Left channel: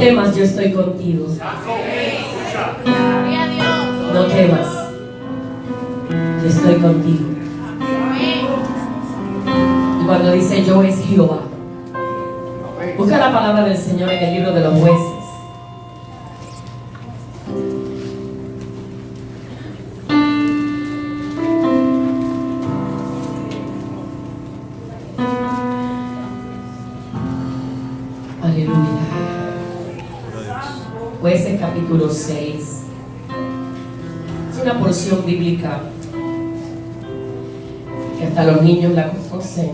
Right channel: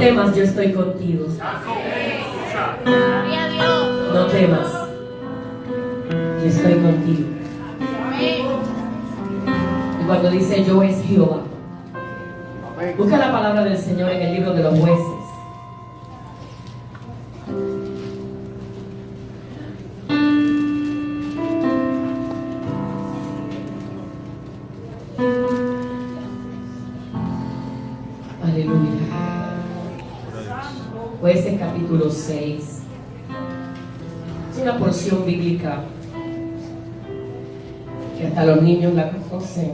temas, yo estoy contigo. No temas, yo estoy contigo. Y cuando dice yo es Jehová, busca la palabra del Señor en el libro de los Jueces. Aleluya. Jueces capítulo 6. Es una porción bíblica que hasta los niños la conocen.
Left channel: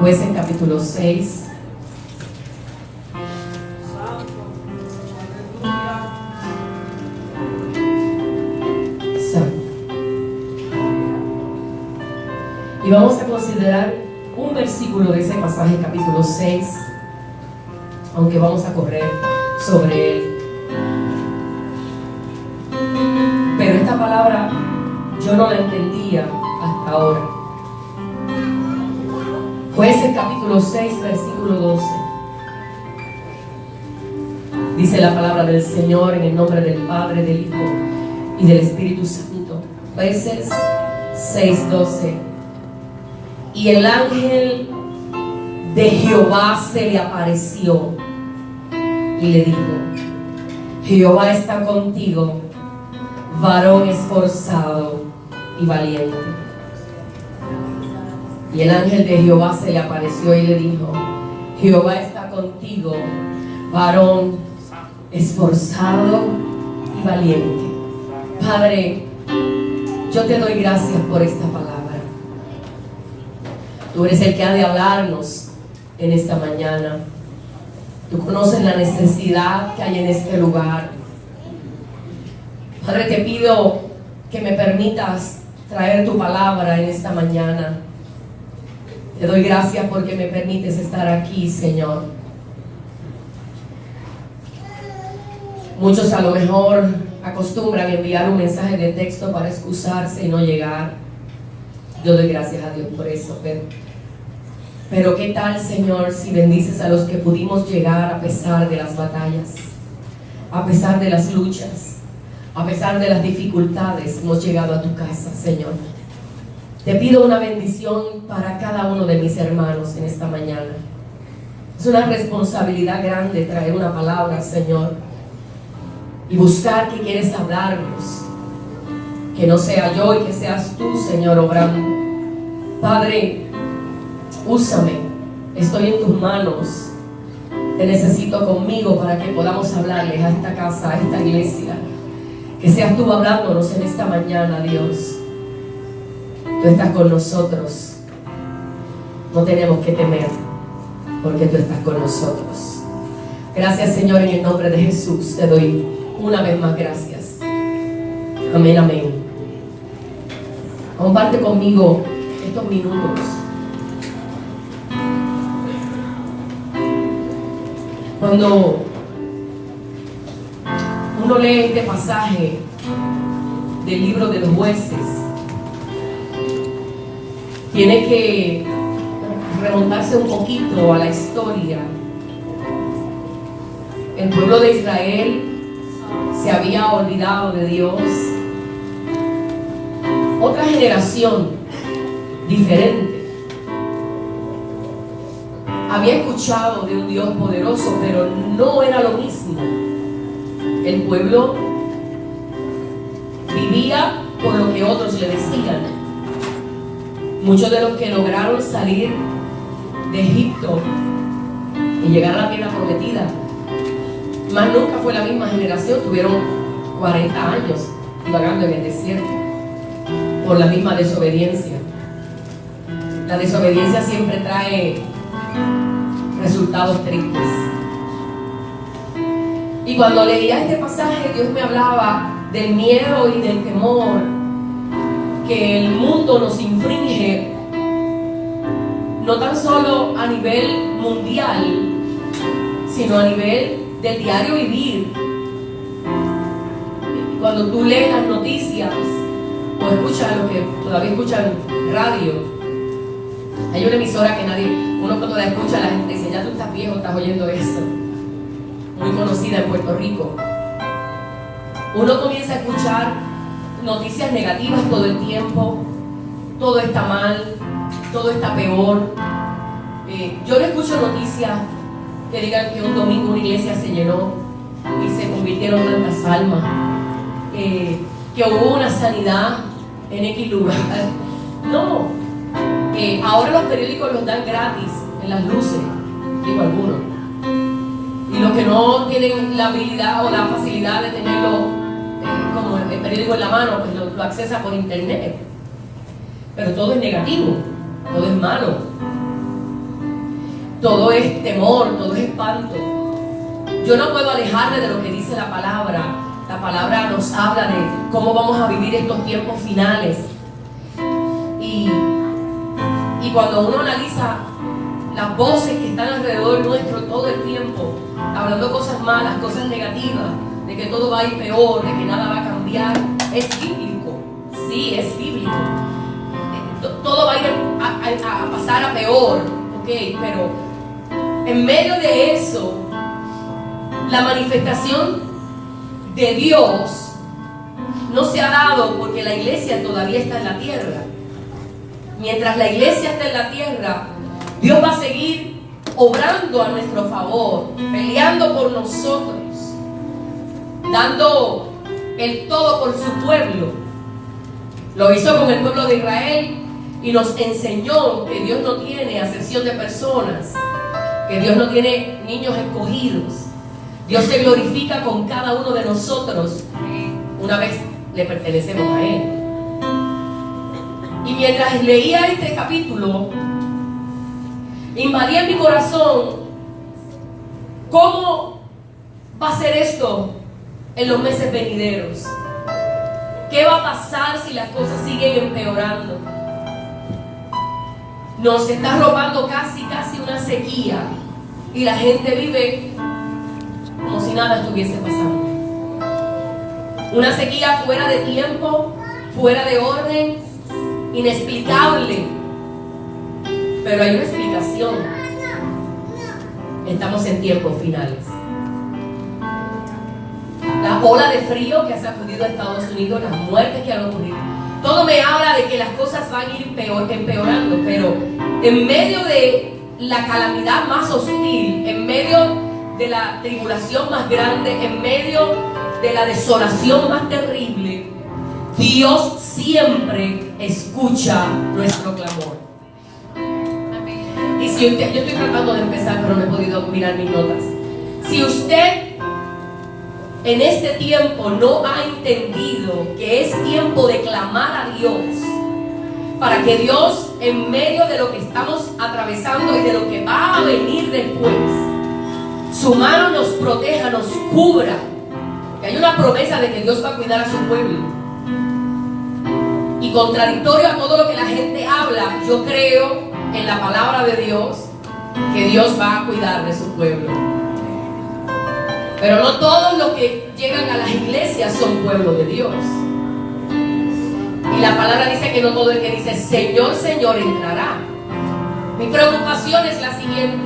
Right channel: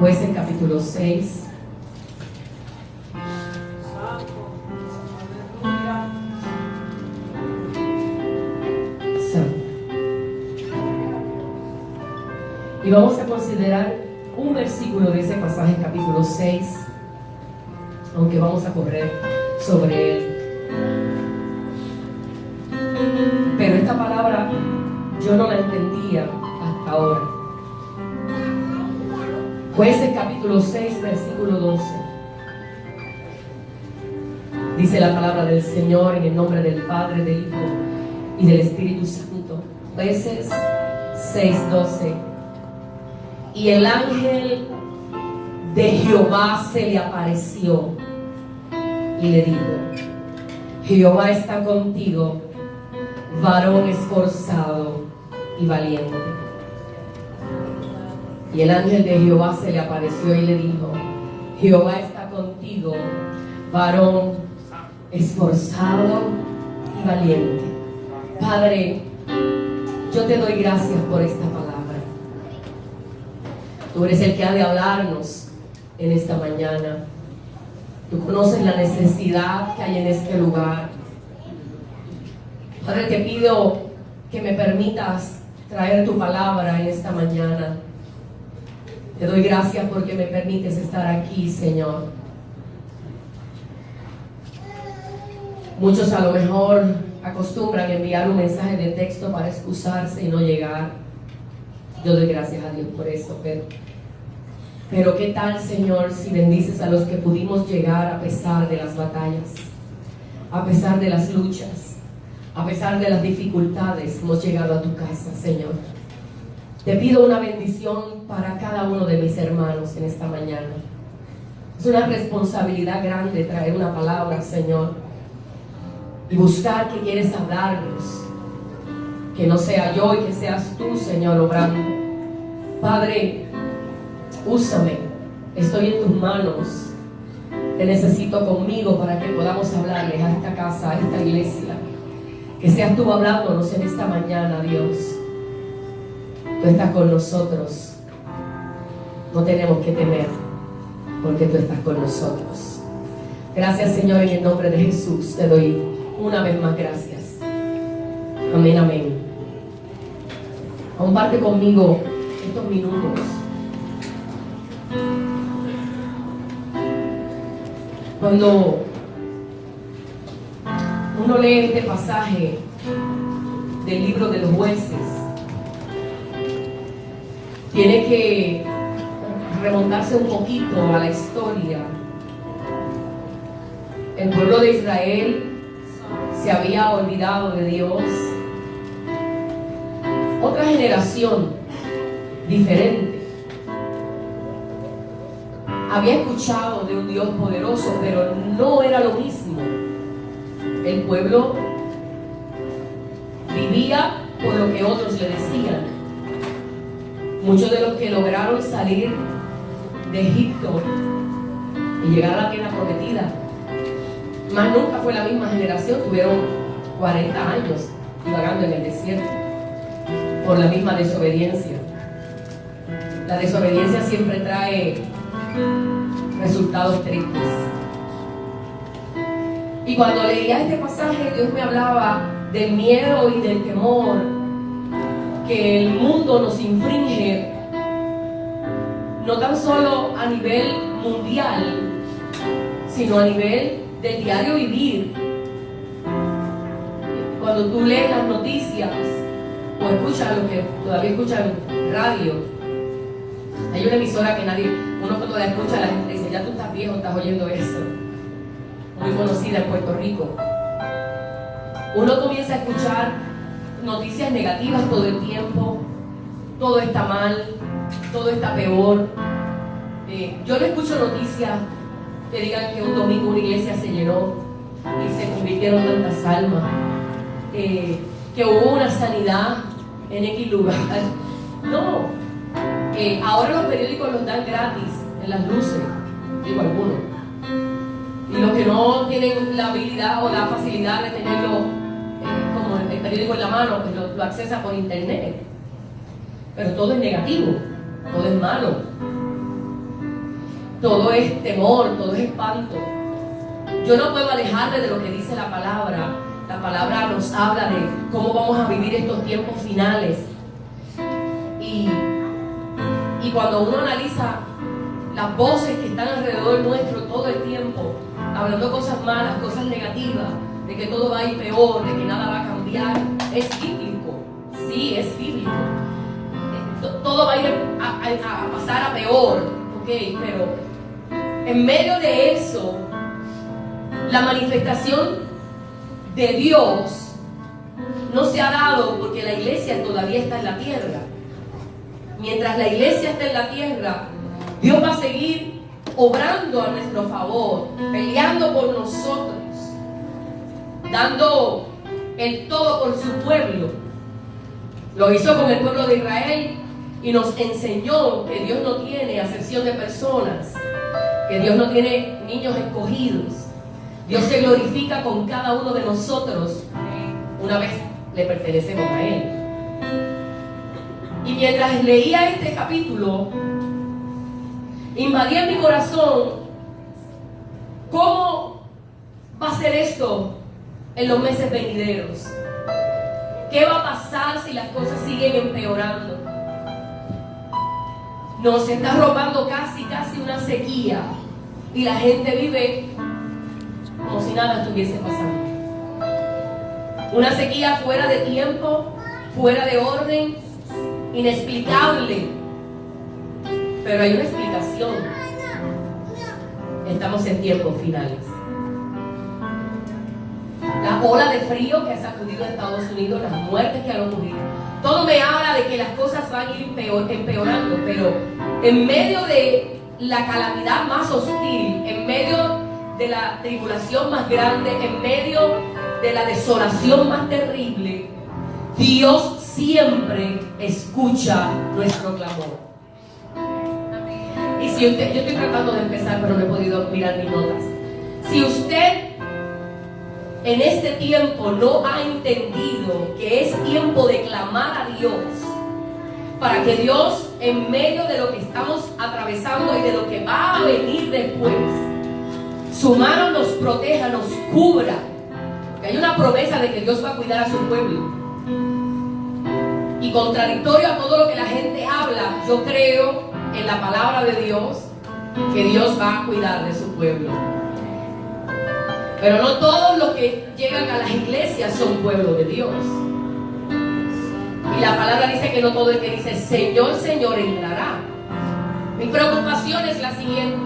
Jueces capítulo 6. Y vamos a considerar un versículo de ese pasaje, capítulo 6, aunque vamos a correr sobre él. Pero esta palabra yo no la entendía hasta ahora. Jueces capítulo 6, versículo 12. Dice la palabra del Señor en el nombre del Padre, del Hijo y del Espíritu Santo. Jueces 6, 12. Y el ángel de Jehová se le apareció y le dijo: Jehová está contigo, varón esforzado y valiente. Y el ángel de Jehová se le apareció y le dijo: Jehová está contigo, varón esforzado y valiente. Padre, yo te doy gracias por esta palabra. Tú eres el que ha de hablarnos en esta mañana. Tú conoces la necesidad que hay en este lugar. Padre, te pido que me permitas traer tu palabra en esta mañana. Te doy gracias porque me permites estar aquí, Señor. Muchos a lo mejor acostumbran enviar un mensaje de texto para excusarse y no llegar. Yo doy gracias a Dios por eso, pero ¿qué tal, Señor, si bendices a los que pudimos llegar a pesar de las batallas, a pesar de las luchas, a pesar de las dificultades? Hemos llegado a tu casa, Señor. Te pido una bendición para cada uno de mis hermanos en esta mañana. Es una responsabilidad grande traer una palabra, Señor, y buscar que quieres hablarnos. Que no sea yo y que seas tú, Señor, obrando. Padre, úsame. Estoy en tus manos. Te necesito conmigo para que podamos hablarles a esta casa, a esta iglesia. Que seas tú hablándonos en esta mañana, Dios. Tú estás con nosotros. No tenemos que temer, porque tú estás con nosotros. Gracias, Señor, en el nombre de Jesús. Te doy una vez más gracias. Amén, amén. Comparte conmigo estos minutos. Cuando uno lee este pasaje del libro de los Jueces, tiene que remontarse un poquito a la historia. El pueblo de Israel se había olvidado de Dios. Otra generación diferente había escuchado de un Dios poderoso, pero no era lo mismo. El pueblo vivía por lo que otros le decían. Muchos de los que lograron salir de Egipto y llegar a la tierra prometida, más nunca fue la misma generación. Tuvieron 40 años vagando en el desierto por la misma desobediencia. La desobediencia siempre trae resultados tristes. Y cuando leía este pasaje, Dios me hablaba del miedo y del temor que el mundo nos infringe, no tan solo a nivel mundial, sino a nivel del diario vivir. Cuando tú lees las noticias o escuchan los que todavía escuchan radio. Hay una emisora que uno cuando la escucha, la gente dice, ya tú estás viejo, estás oyendo eso. Muy conocida en Puerto Rico. Uno comienza a escuchar noticias negativas todo el tiempo. Todo está mal, todo está peor. Yo no escucho noticias que digan que un domingo una iglesia se llenó y se convirtieron tantas almas, que hubo una sanidad en X lugar. No, ahora los periódicos los dan gratis en las luces, digo algunos, y los que no tienen la habilidad o la facilidad de tenerlo como el periódico en la mano, pues lo accesa por internet. Pero todo es negativo, todo es malo, todo es temor, todo es espanto. Yo no puedo alejarme de lo que dice la palabra. La palabra nos habla de cómo vamos a vivir estos tiempos finales. Y cuando uno analiza las voces que están alrededor nuestro todo el tiempo, hablando cosas malas, cosas negativas, de que todo va a ir peor, de que nada va a cambiar, es bíblico. Sí, es bíblico. Todo va a ir a pasar a peor, ¿ok? Pero en medio de eso, la manifestación de Dios no se ha dado porque la iglesia todavía está en la tierra. Mientras la iglesia está en la tierra, Dios va a seguir obrando a nuestro favor, peleando por nosotros, dando el todo por su pueblo. Lo hizo con el pueblo de Israel y nos enseñó que Dios no tiene acepción de personas, que Dios no tiene niños escogidos. Dios se glorifica con cada uno de nosotros una vez le pertenecemos a Él. Y mientras leía este capítulo, invadía en mi corazón cómo va a ser esto en los meses venideros. ¿Qué va a pasar si las cosas siguen empeorando? Nos está robando casi una sequía y la gente vive como si nada estuviese pasando. Una sequía fuera de tiempo, fuera de orden, inexplicable. Pero hay una explicación. Estamos en tiempos finales. La ola de frío que ha sacudido a Estados Unidos, las muertes que han ocurrido, todo me habla de que las cosas van a ir empeorando, pero en medio de la calamidad más hostil, en medio de la tribulación más grande, en medio de la desolación más terrible, Dios siempre escucha nuestro clamor. Amén. Y si usted, yo estoy tratando de empezar, pero no he podido mirar mis notas. Si usted en este tiempo no ha entendido que es tiempo de clamar a Dios, para que Dios, en medio de lo que estamos atravesando y de lo que va a venir después, su mano nos proteja, nos cubra, que hay una promesa de que Dios va a cuidar a su pueblo. Y contradictorio a todo lo que la gente habla, yo creo en la palabra de Dios, que Dios va a cuidar de su pueblo. Pero no todos los que llegan a las iglesias son pueblo de Dios. Y la palabra dice que no todo el que dice Señor, Señor entrará. Mi preocupación es la siguiente:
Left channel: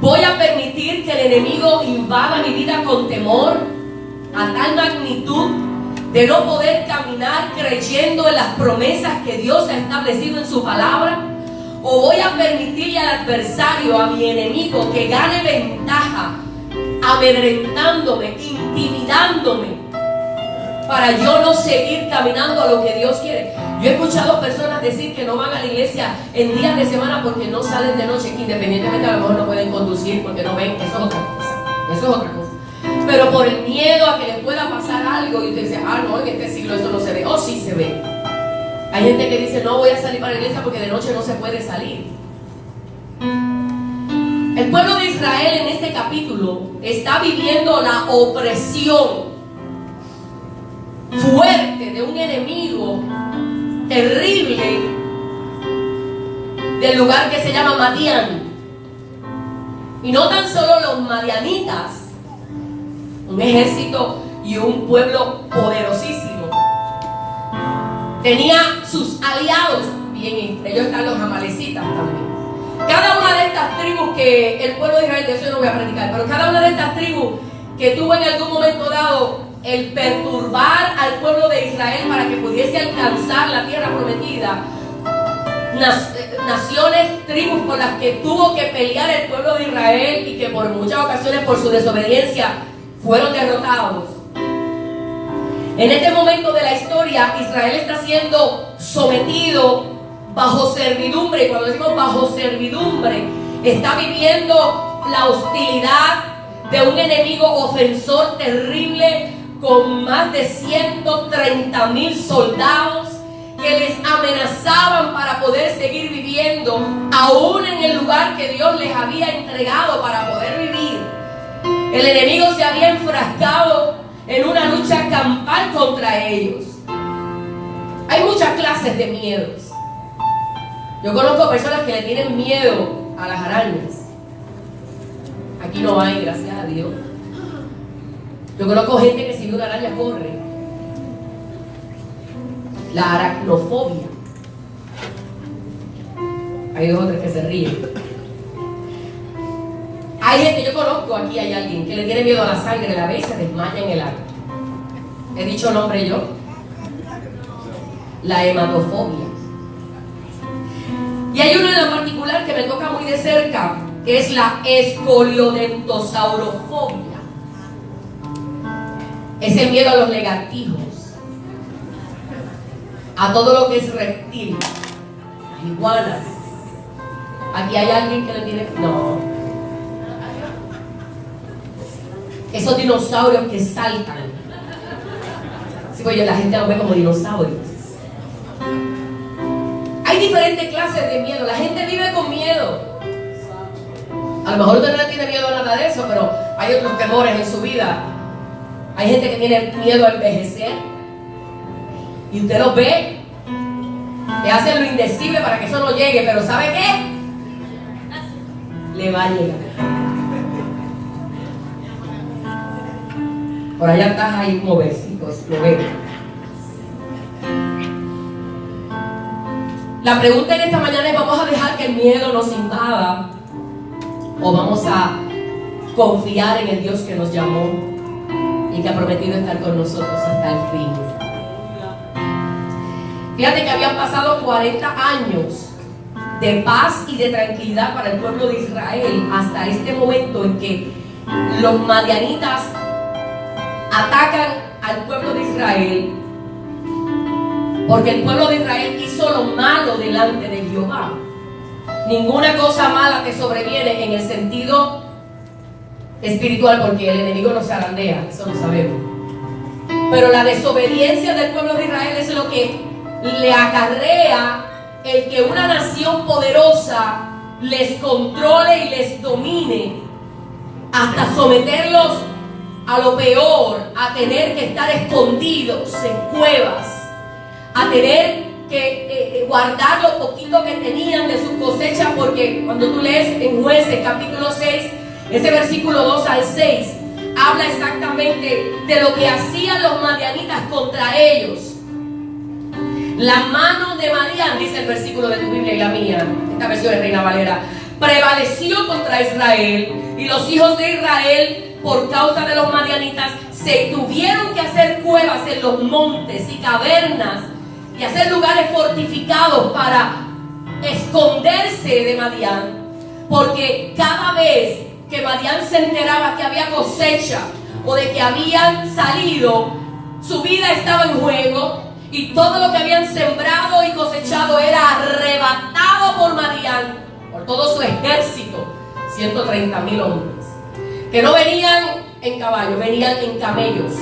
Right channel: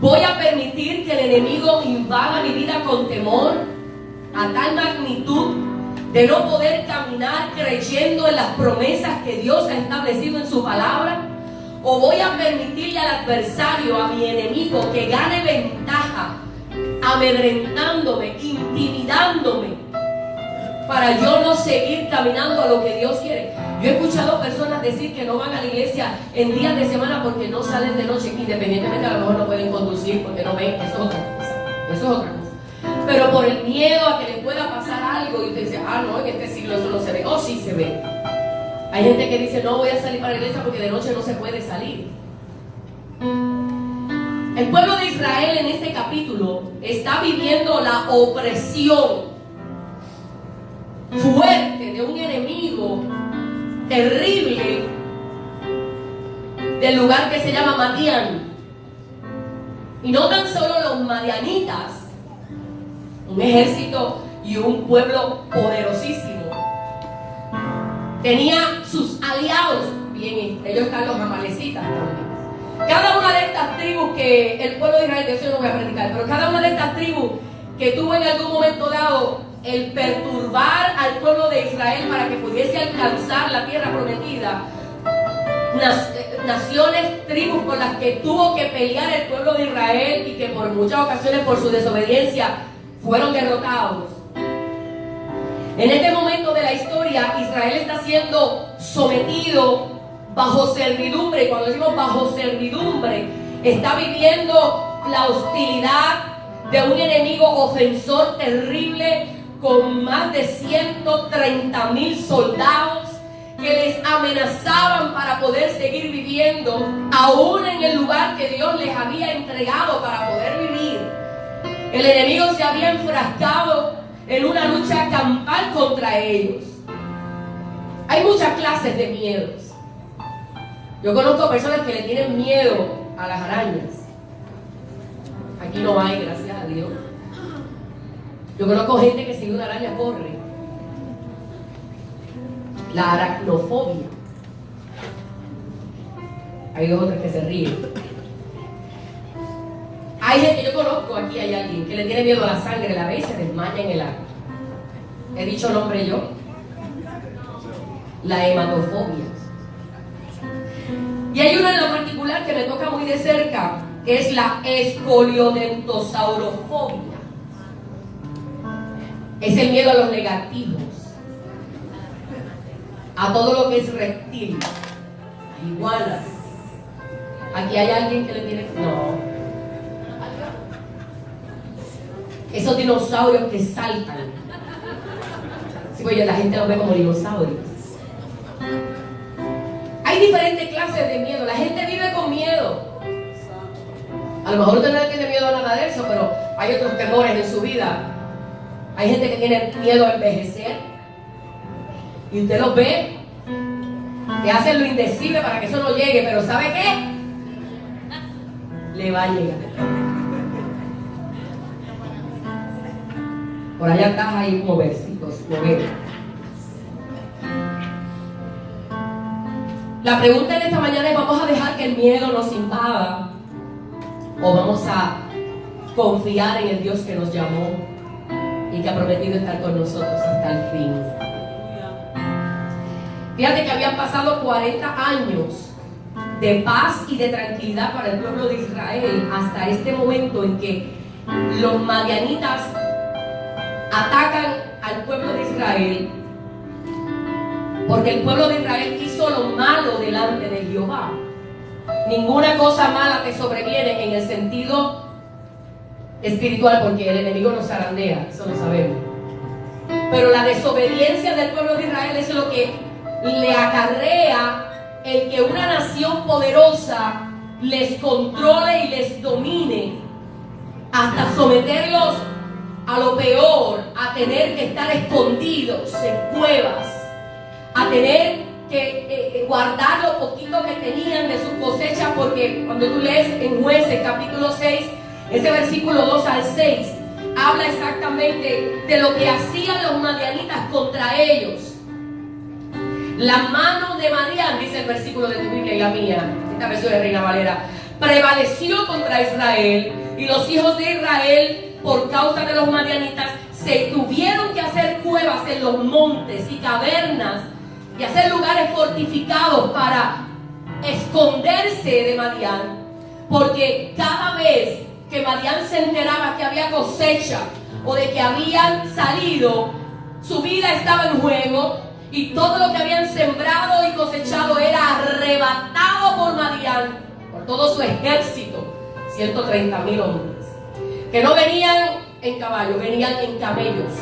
¿voy a permitir que el enemigo invada mi vida con temor a tal magnitud de no poder caminar creyendo en las promesas que Dios ha establecido en su palabra? ¿O voy a permitirle al adversario, a mi enemigo, que gane ventaja, amedrentándome, intimidándome, para yo no seguir caminando a lo que Dios quiere? Yo he escuchado personas decir que no van a la iglesia en días de semana porque no salen de noche, que independientemente a lo mejor no pueden conducir porque no ven. Eso es otra cosa, eso es otra cosa. Pero por el miedo a que les pueda pasar algo, y usted dice, no, en este siglo esto no se ve. Oh, sí se ve. Hay gente que dice, no voy a salir para la iglesia porque de noche no se puede salir. El pueblo de Israel en este capítulo está viviendo la opresión fuerte de un enemigo terrible del lugar que se llama Madián. Y no tan solo los madianitas, un ejército y un pueblo poderosísimo, tenía sus aliados, bien, entre ellos están los amalecitas también. Cada una de estas tribus que el pueblo de Israel, de eso yo no voy a predicar, pero cada una de estas tribus que tuvo en algún momento dado el perturbar al pueblo de Israel para que pudiese alcanzar la tierra prometida, naciones, tribus con las que tuvo que pelear el pueblo de Israel y que por muchas ocasiones por su desobediencia fueron derrotados. En este momento de la historia, Israel está siendo sometido bajo servidumbre, y cuando decimos bajo servidumbre, está viviendo la hostilidad de un enemigo ofensor terrible con más de 130,000 soldados que les amenazaban para poder seguir viviendo, aún en el lugar que Dios les había entregado para poder vivir. El enemigo se había enfrascado en una lucha campal contra ellos. Hay muchas clases de miedos. Yo conozco personas que le tienen miedo a las arañas. Aquí no hay, gracias a Dios. Yo conozco gente que si ve una araña corre. La aracnofobia. Hay dos o tres que se ríen. Hay gente, yo conozco, aquí hay alguien que le tiene miedo a la sangre, la ve y se desmaya en el acto. ¿He dicho nombre yo? La hematofobia. Y hay una en la particular que me toca muy de cerca, que es la escoliodentosaurofobia. Es el miedo a los lagartijos, a todo lo que es reptil, las iguanas. Aquí hay alguien que le tiene... No. Esos dinosaurios que saltan. Sí, pues la gente los ve como dinosaurios. Hay diferentes clases de miedo. La gente vive con miedo. A lo mejor usted no tiene miedo a nada de eso, pero hay otros temores en su vida. Hay gente que tiene miedo a envejecer. Y usted los ve, que hacen lo indecible para que eso no llegue, pero ¿sabe qué? Le va a llegar. Por allá estás ahí como versitos, lo veo. La pregunta en esta mañana es: ¿vamos a dejar que el miedo nos invada o vamos a confiar en el Dios que nos llamó y que ha prometido estar con nosotros hasta el fin? Fíjate que habían pasado 40 años de paz y de tranquilidad para el pueblo de Israel hasta este momento en que los madianitas atacan al pueblo de Israel, porque el pueblo de Israel hizo lo malo delante de Jehová. Ninguna cosa mala te sobreviene en el sentido espiritual, porque el enemigo nos zarandea, eso lo sabemos. Pero la desobediencia del pueblo de Israel es lo que le acarrea el que una nación poderosa les controle y les domine hasta someterlos a lo peor, a tener que estar escondidos en cuevas, a tener que guardar lo poquito que tenían de sus cosechas, porque cuando tú lees en Jueces capítulo 6, ese versículo 2 al 6, habla exactamente de lo que hacían los madianitas contra ellos. La mano de Madián, dice el versículo de tu Biblia y la mía, esta versión de Reina Valera, prevaleció contra Israel, y los hijos de Israel, por causa de los madianitas, se tuvieron que hacer cuevas en los montes y cavernas y hacer lugares fortificados para esconderse de Madián, porque cada vez que Madián se enteraba que había cosecha o de que habían salido, su vida estaba en juego y todo lo que habían sembrado y cosechado era arrebatado por Madián, por todo su ejército, 130,000 hombres, que no venían en caballo, venían en camellos.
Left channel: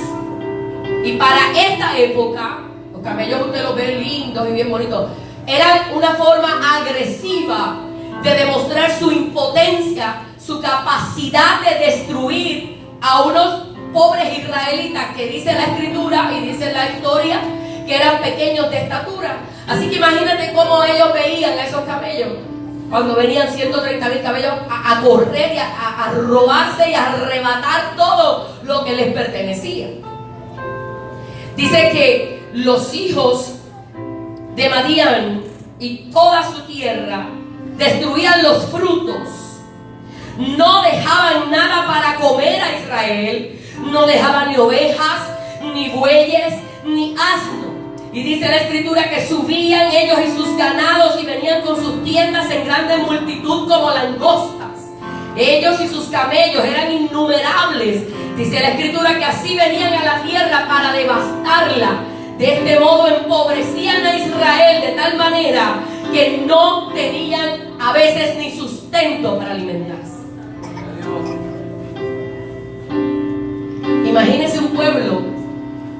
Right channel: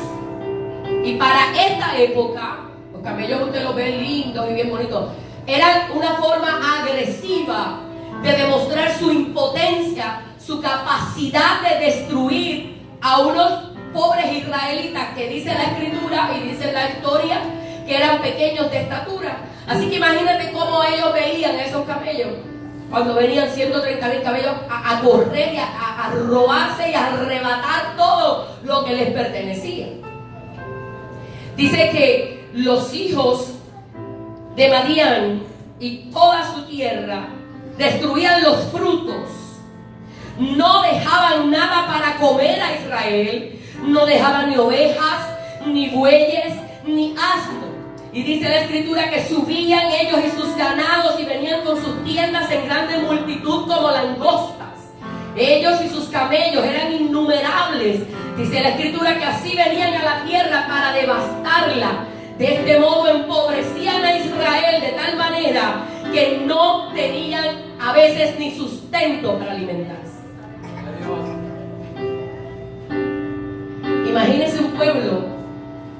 Y para esta época, los camellos usted los ve lindos y bien bonitos, eran una forma agresiva de demostrar su impotencia, su capacidad de destruir a unos pobres israelitas que dice la escritura y dice la historia que eran pequeños de estatura. Así que imagínate cómo ellos veían a esos camellos cuando venían 130,000 camellos a correr y a robarse y a arrebatar todo lo que les pertenecía. Dice que los hijos de Madián y toda su tierra, destruían los frutos, no dejaban nada para comer a Israel, no dejaban ni ovejas, ni bueyes, ni asno. Y dice la escritura que subían ellos y sus ganados y venían con sus tiendas en grande multitud como langostas. Ellos y sus camellos eran innumerables. Dice la escritura que así venían a la tierra para devastarla. De este modo empobrecían a Israel de tal manera que no tenían a veces ni sustento para alimentarse. Imagínense un pueblo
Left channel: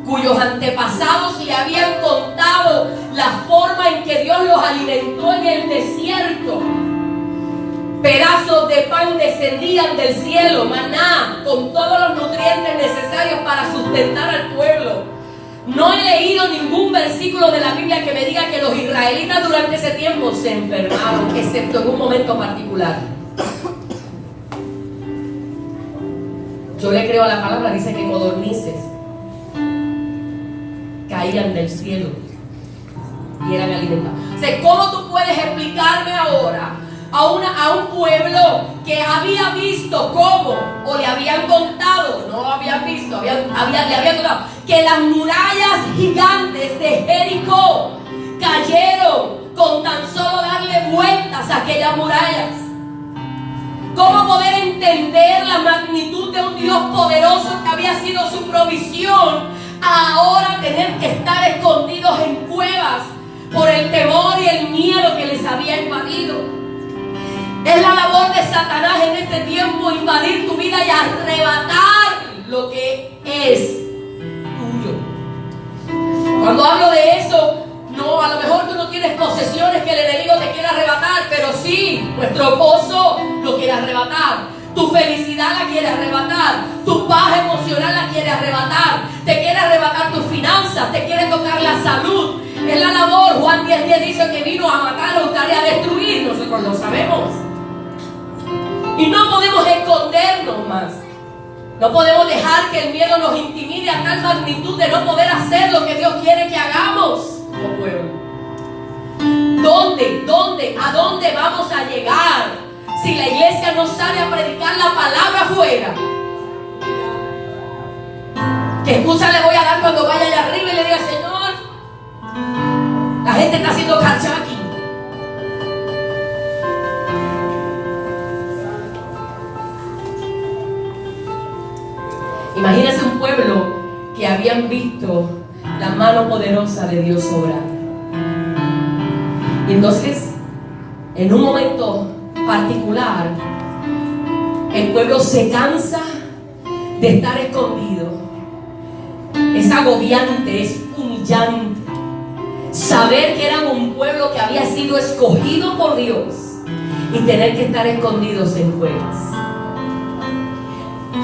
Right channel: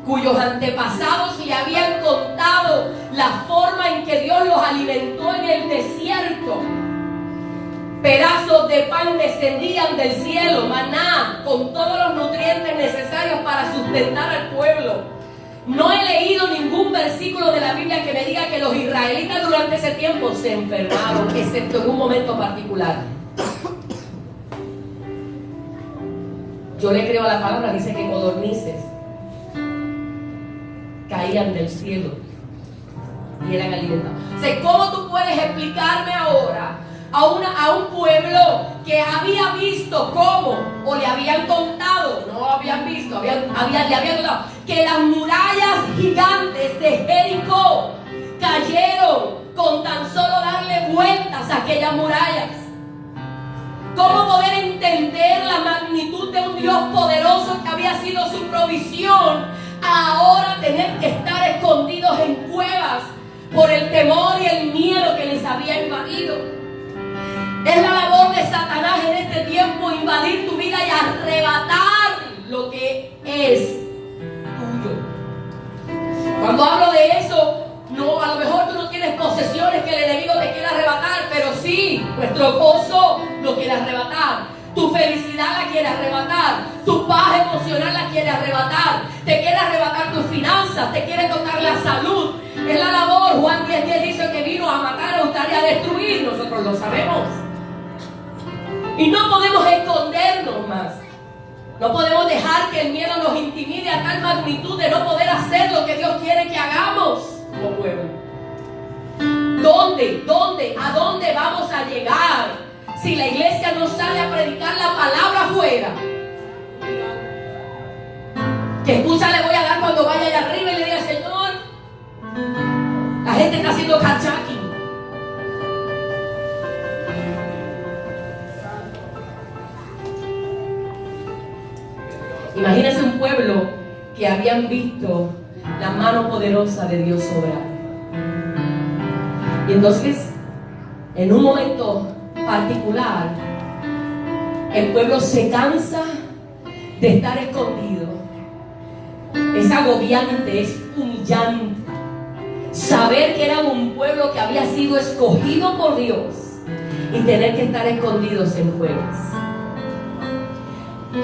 cuyos antepasados le habían contado la forma en que Dios los alimentó en el desierto. Pedazos de pan descendían del cielo, maná, con todos los nutrientes necesarios para sustentar al pueblo. No he leído ningún versículo de la Biblia que me diga que los israelitas durante ese tiempo se enfermaron, excepto en un momento particular. Yo le creo a la palabra, dice que codornices caían del cielo y eran alimentados. O sea, ¿cómo tú puedes explicarme ahora a un pueblo que había visto cómo, o le habían contado, no lo habían visto, le habían contado, que las murallas gigantes de Jericó cayeron con tan solo darle vueltas a aquellas murallas? ¿Cómo poder entender la magnitud de un Dios poderoso que había sido su provisión, ahora tener que estar escondidos en cuevas por el temor y el miedo que les había invadido? Es la labor de Satanás en este tiempo invadir tu vida y arrebatar lo que es tuyo. Cuando hablo de eso, no, a lo mejor tú no tienes posesiones que el enemigo te quiera arrebatar, pero sí, nuestro gozo lo quiere arrebatar, tu felicidad la quiere arrebatar, tu paz emocional la quiere arrebatar, te quiere arrebatar tus finanzas, te quiere tocar la salud. Es la labor. Juan 10:10 dice que vino a matar, a hurtar y a destruir. Nosotros lo sabemos. Y no podemos escondernos más. No podemos dejar que el miedo nos intimide a tal magnitud de no poder hacer lo que Dios quiere que hagamos como pueblo. ¿A dónde vamos a llegar si la iglesia no sale a predicar la palabra afuera? ¿Qué excusa le voy a dar cuando vaya allá arriba y le diga, Señor, la gente está haciendo carjacking? Imagínense un pueblo que habían visto la mano poderosa de Dios obrar. Y entonces, en un momento particular, el pueblo se cansa de estar escondido. Es agobiante, es humillante saber que eran un pueblo que había sido escogido por Dios y tener que estar escondidos en cuevas.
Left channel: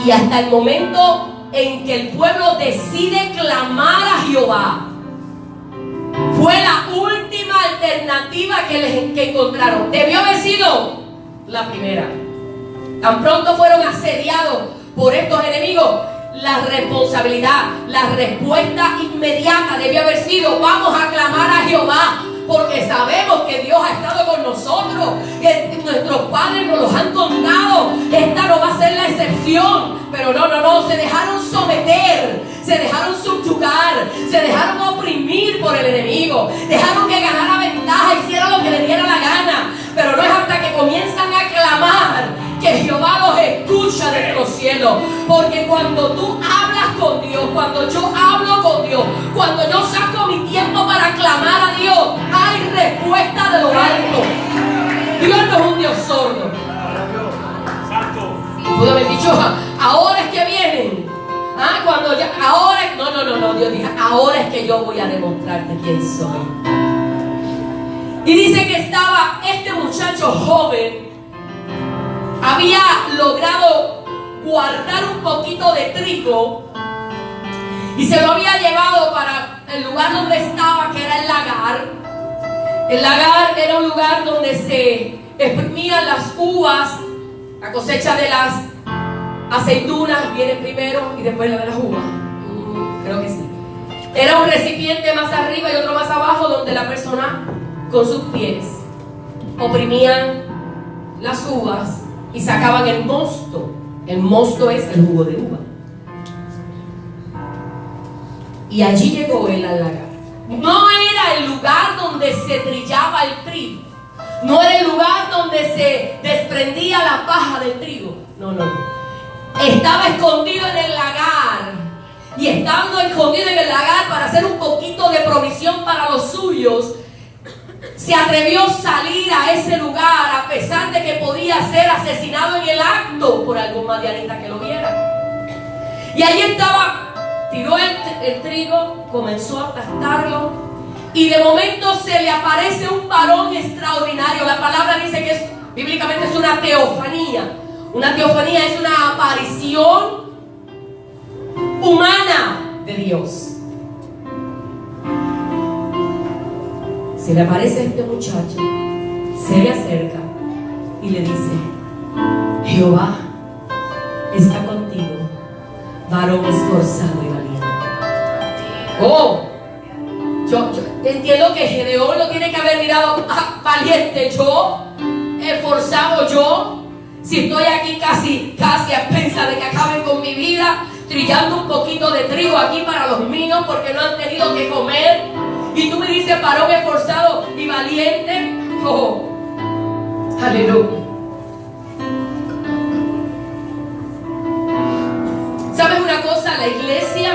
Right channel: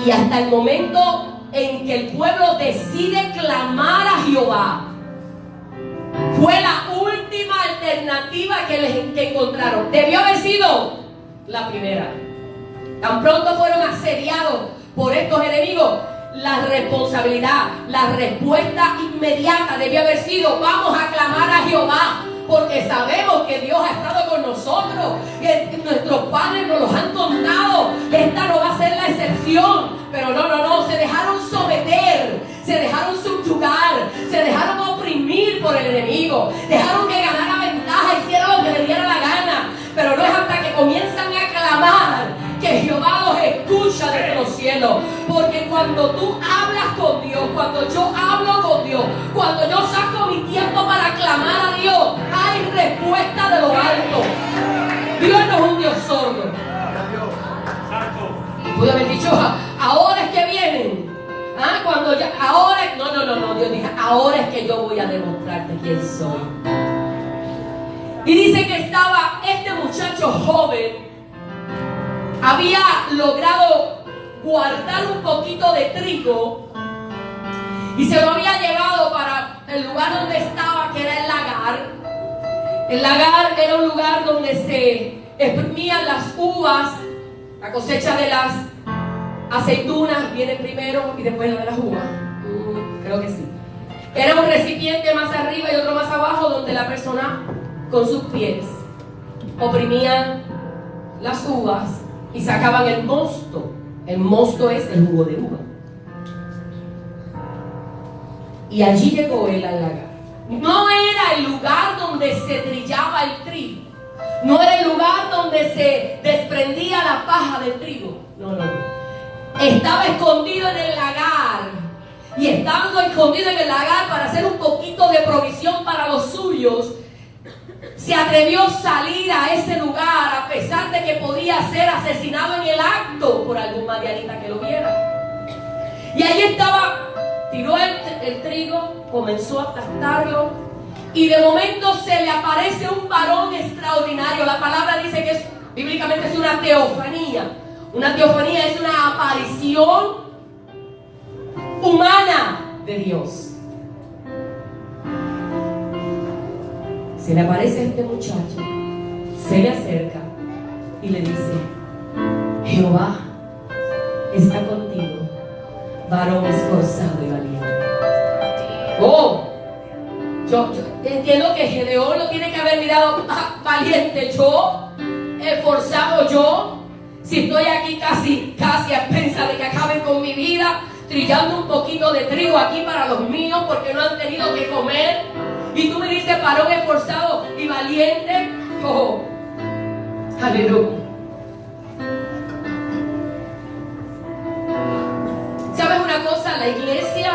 Y hasta el momento en que el pueblo decide clamar a Jehová, fue la última alternativa que encontraron. Debió haber sido la primera. Tan pronto fueron asediados por estos enemigos, la responsabilidad, la respuesta inmediata debió haber sido: vamos a clamar a Jehová, porque sabemos que Dios ha estado con nosotros, que nuestros padres nos los han contado. Esta no va a ser la excepción. Pero no, se dejaron someter, se dejaron subyugar, se dejaron oprimir por el enemigo, dejaron que ganara ventaja, hiciera lo que le diera la gana. Pero no es hasta que comienzan a clamar que Jehová los escucha desde los cielos. Porque cuando tú hablas con Dios, cuando yo hablo con Dios, cuando yo saco mi tiempo para clamar a Dios, hay respuesta de lo alto. Dios no es un Dios sordo. Pudo haber dicho, ahora es que vienen. Cuando ya, ahora, no, Dios dijo, ahora es que yo voy a demostrarte quién soy. Y dice que estaba este muchacho joven, había logrado guardar un poquito de trigo y se lo había llevado para el lugar donde estaba, que era el lagar. El lagar era un lugar donde se exprimían las uvas. La cosecha de las aceitunas viene primero y después la de las uvas. Creo que sí. Era un recipiente más arriba y otro más abajo, donde la persona con sus pies oprimían las uvas y sacaban el mosto. El mosto es el jugo de uva. Y allí llegó él al lagar. No era el lugar donde se trillaba el trigo. No era el lugar donde se desprendía la paja del trigo. No. Estaba escondido en el lagar. Y estando escondido en el lagar para hacer un poquito de provisión para los suyos, se atrevió a salir a ese lugar a pesar de que podía ser asesinado en el acto por algún madianita que lo viera. Y allí estaba. Tiró el trigo, comenzó a aplastarlo y de momento se le aparece un varón extraordinario. La palabra dice que bíblicamente es una teofanía. Una teofanía es una aparición humana de Dios. Se le aparece a este muchacho, se le acerca y le dice: Jehová está contigo, varón esforzado y valiente. Yo entiendo que Gedeón lo tiene que haber mirado valiente. Yo, esforzado yo, si estoy aquí casi a expensas de que acaben con mi vida, trillando un poquito de trigo aquí para los míos porque no han tenido que comer. Y tú me dices varón esforzado y valiente. Aleluya. ¿Sabes una cosa? La iglesia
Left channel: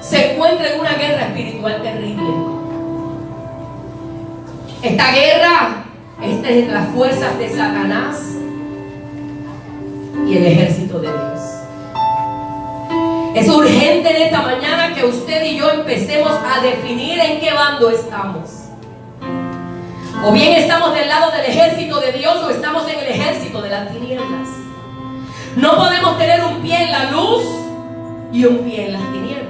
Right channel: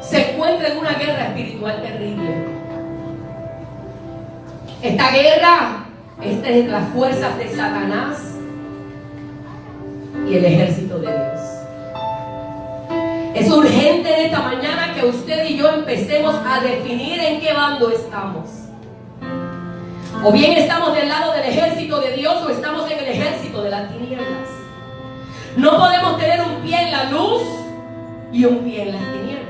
se encuentra en una guerra espiritual terrible. Esta guerra está entre las fuerzas de Satanás y el ejército de Dios. Es urgente en esta mañana que usted y yo empecemos a definir en qué bando estamos. O bien estamos del lado del ejército de Dios o estamos en el ejército de las tinieblas. No podemos tener un pie en la luz y un pie en las tinieblas.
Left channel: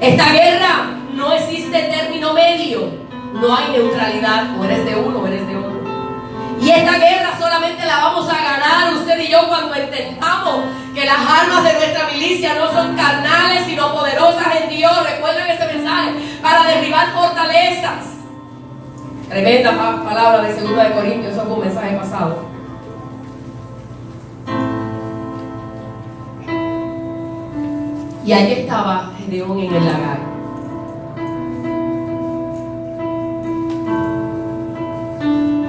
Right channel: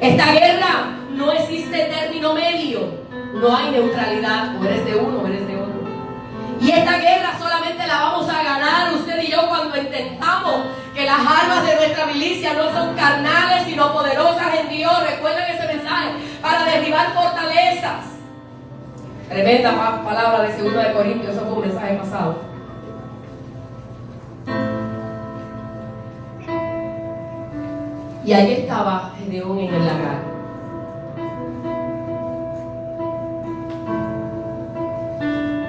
Esta guerra no existe término medio. No hay neutralidad. O eres de uno o eres de otro. Y esta guerra solamente la vamos a ganar usted y yo cuando entendamos que las armas de nuestra milicia no son carnales sino poderosas en Dios. Recuerden ese mensaje: para derribar fortalezas. Tremenda palabra de 2 de Corintios. Eso fue un mensaje pasado. Y ahí estaba Gedeón en el lagar.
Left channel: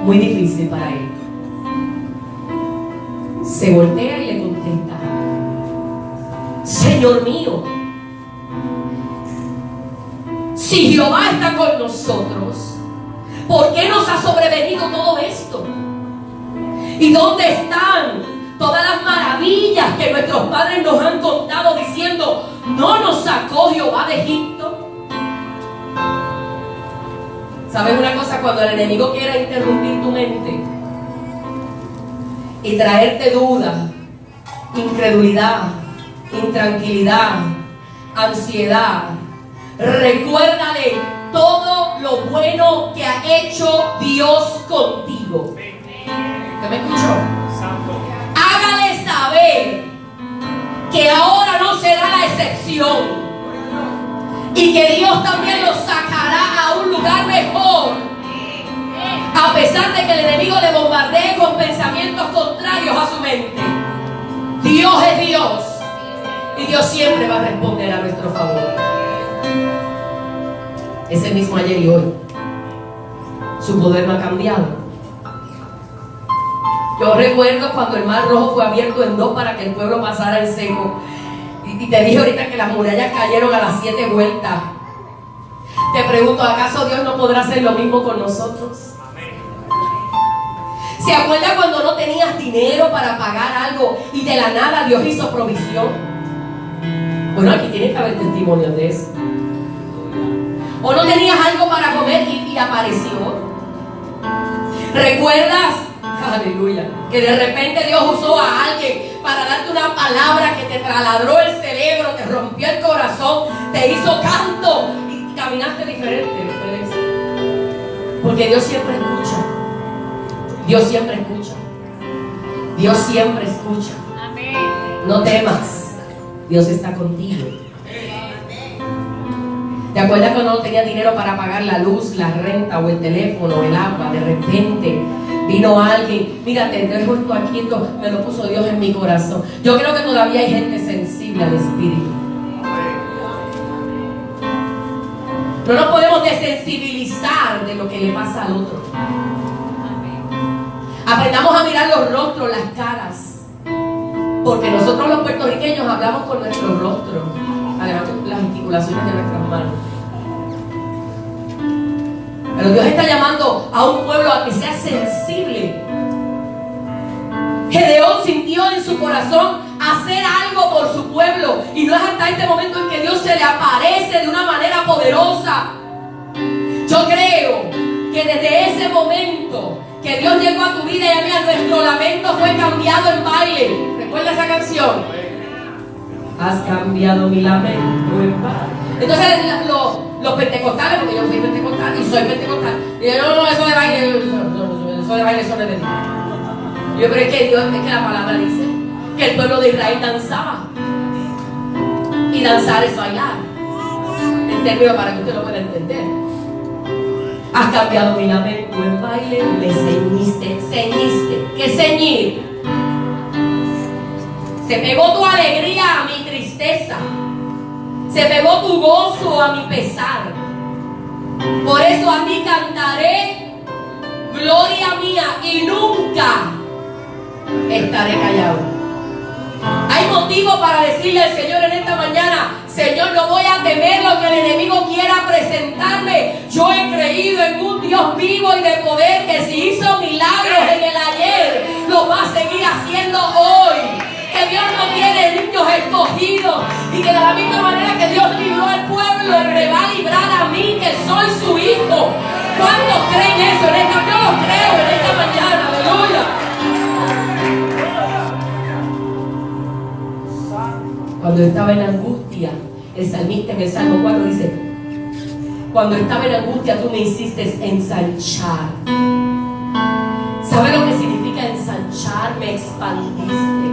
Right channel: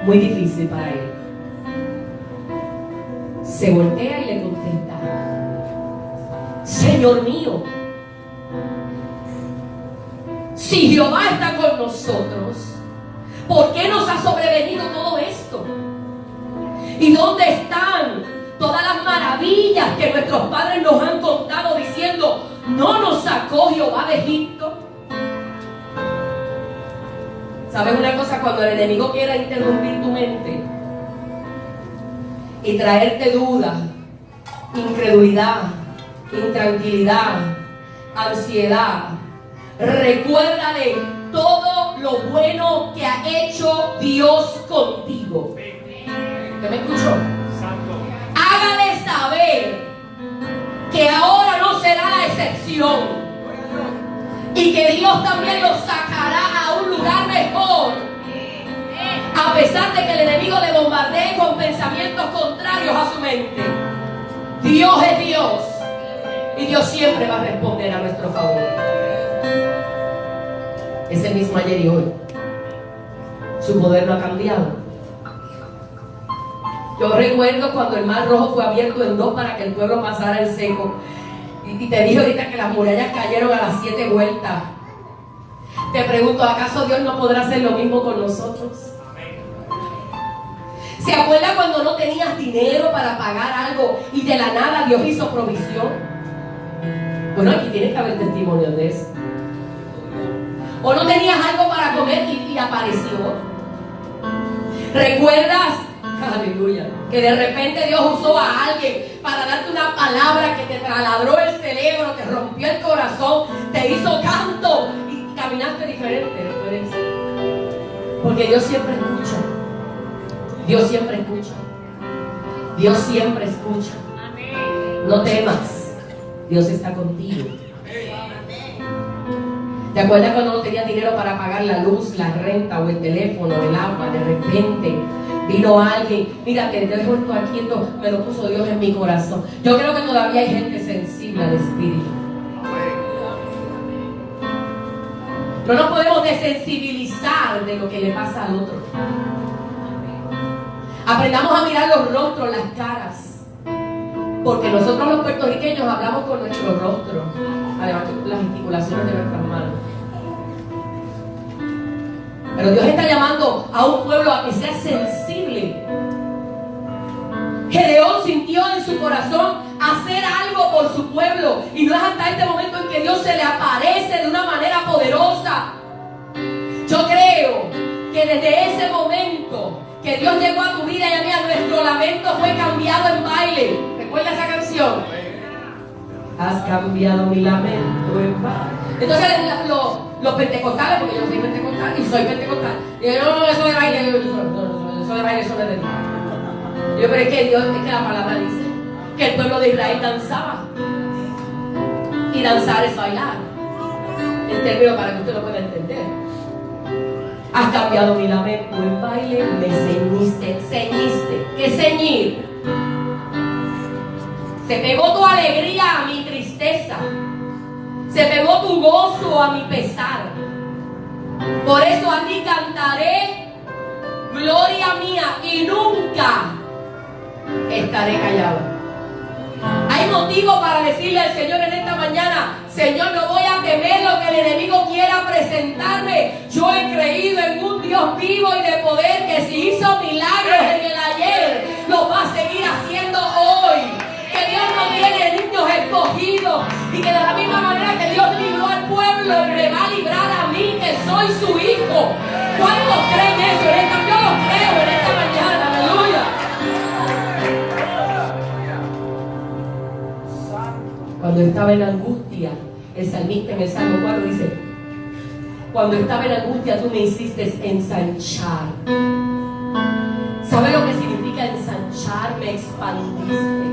Muy difícil para él. Se voltea y le contesta: Señor mío, si Jehová está con nosotros, ¿por qué nos ha sobrevenido todo esto? ¿Y dónde están todas las maravillas que nuestros padres nos han contado diciendo: ¿no nos sacó Jehová de Egipto? ¿Sabes una cosa? Cuando el enemigo quiera interrumpir tu mente y traerte duda, incredulidad, intranquilidad, ansiedad, recuérdale todo lo bueno que ha hecho Dios contigo. ¿Qué me escuchó? Hágale saber que ahora no será la excepción y que Dios también los sacará a un lugar mejor, a pesar de que el enemigo le bombardee con pensamientos contrarios a su mente. Dios es Dios y Dios siempre va a responder a nuestro favor. Es el mismo ayer y hoy. Su poder no ha cambiado. Yo recuerdo cuando el mar Rojo fue abierto en dos para que el pueblo pasara en seco. Y te dije ahorita que las murallas cayeron a las 7 vueltas. Te pregunto, ¿acaso Dios no podrá hacer lo mismo con nosotros? ¿Se acuerda cuando no tenías dinero para pagar algo y de la nada Dios hizo provisión? Bueno, aquí tiene que haber testimonios de eso. ¿O no tenías algo para comer y apareció? ¿Recuerdas? Aleluya. Que de repente Dios usó a alguien para darte una palabra que te taladró el cerebro, te rompió el corazón, te hizo canto y caminaste diferente. Porque Dios siempre escucha. Dios siempre escucha. Dios siempre escucha. No temas. Dios está contigo. ¿Te acuerdas cuando no tenía dinero para pagar la luz, la renta o el teléfono, el agua? De repente vino alguien, mira, te dejo esto aquí, esto me lo puso Dios en mi corazón. Yo creo que todavía hay gente sensible al espíritu. No nos podemos desensibilizar de lo que le pasa al otro. Aprendamos a mirar los rostros, las caras, porque nosotros los puertorriqueños hablamos con nuestros rostros, además de las gesticulaciones de nuestras manos. Pero Dios está llamando a un pueblo a que sea sensible. Gedeón sintió en su corazón hacer algo por su pueblo, y no es hasta este momento en que Dios se le aparece de una manera poderosa. Yo creo que desde ese momento que Dios llegó a tu vida y a mí, nuestro lamento fue cambiado en baile. ¿Recuerda esa canción? Has cambiado mi lamento en baile. Entonces los pentecostales, porque yo soy pentecostal y soy pentecostal, y yo, no, eso de baile, eso de baile, eso no es de Dios. Yo creo que Dios, es que la palabra dice que el pueblo de Israel danzaba, y danzar es bailar, en términos para que usted lo pueda entender. Has cambiado mi lamento en baile, me ceñiste. ¿Qué ceñir? Se pegó tu alegría a mi tristeza, se pegó tu gozo a mi pesar. Por eso a ti cantaré, gloria mía, y nunca estaré callado. Hay motivo para decirle al Señor en esta mañana: Señor, no voy a temer lo que el enemigo quiera presentarme. Yo he creído en un Dios vivo y de poder, que si hizo milagros en el ayer, lo va a seguir haciendo hoy. Que Dios no tiene niños escogidos, y que de la misma manera que Dios libró al pueblo, me va a librar a mí, que soy su hijo. ¿Cuántos creen eso? Yo lo creo en esta mañana. Aleluya. Cuando estaba en angustia, el salmista en el Salmo 4 dice: cuando estaba en angustia tú me hiciste ensanchar. ¿Sabe lo que significa ensanchar? Me expandiste.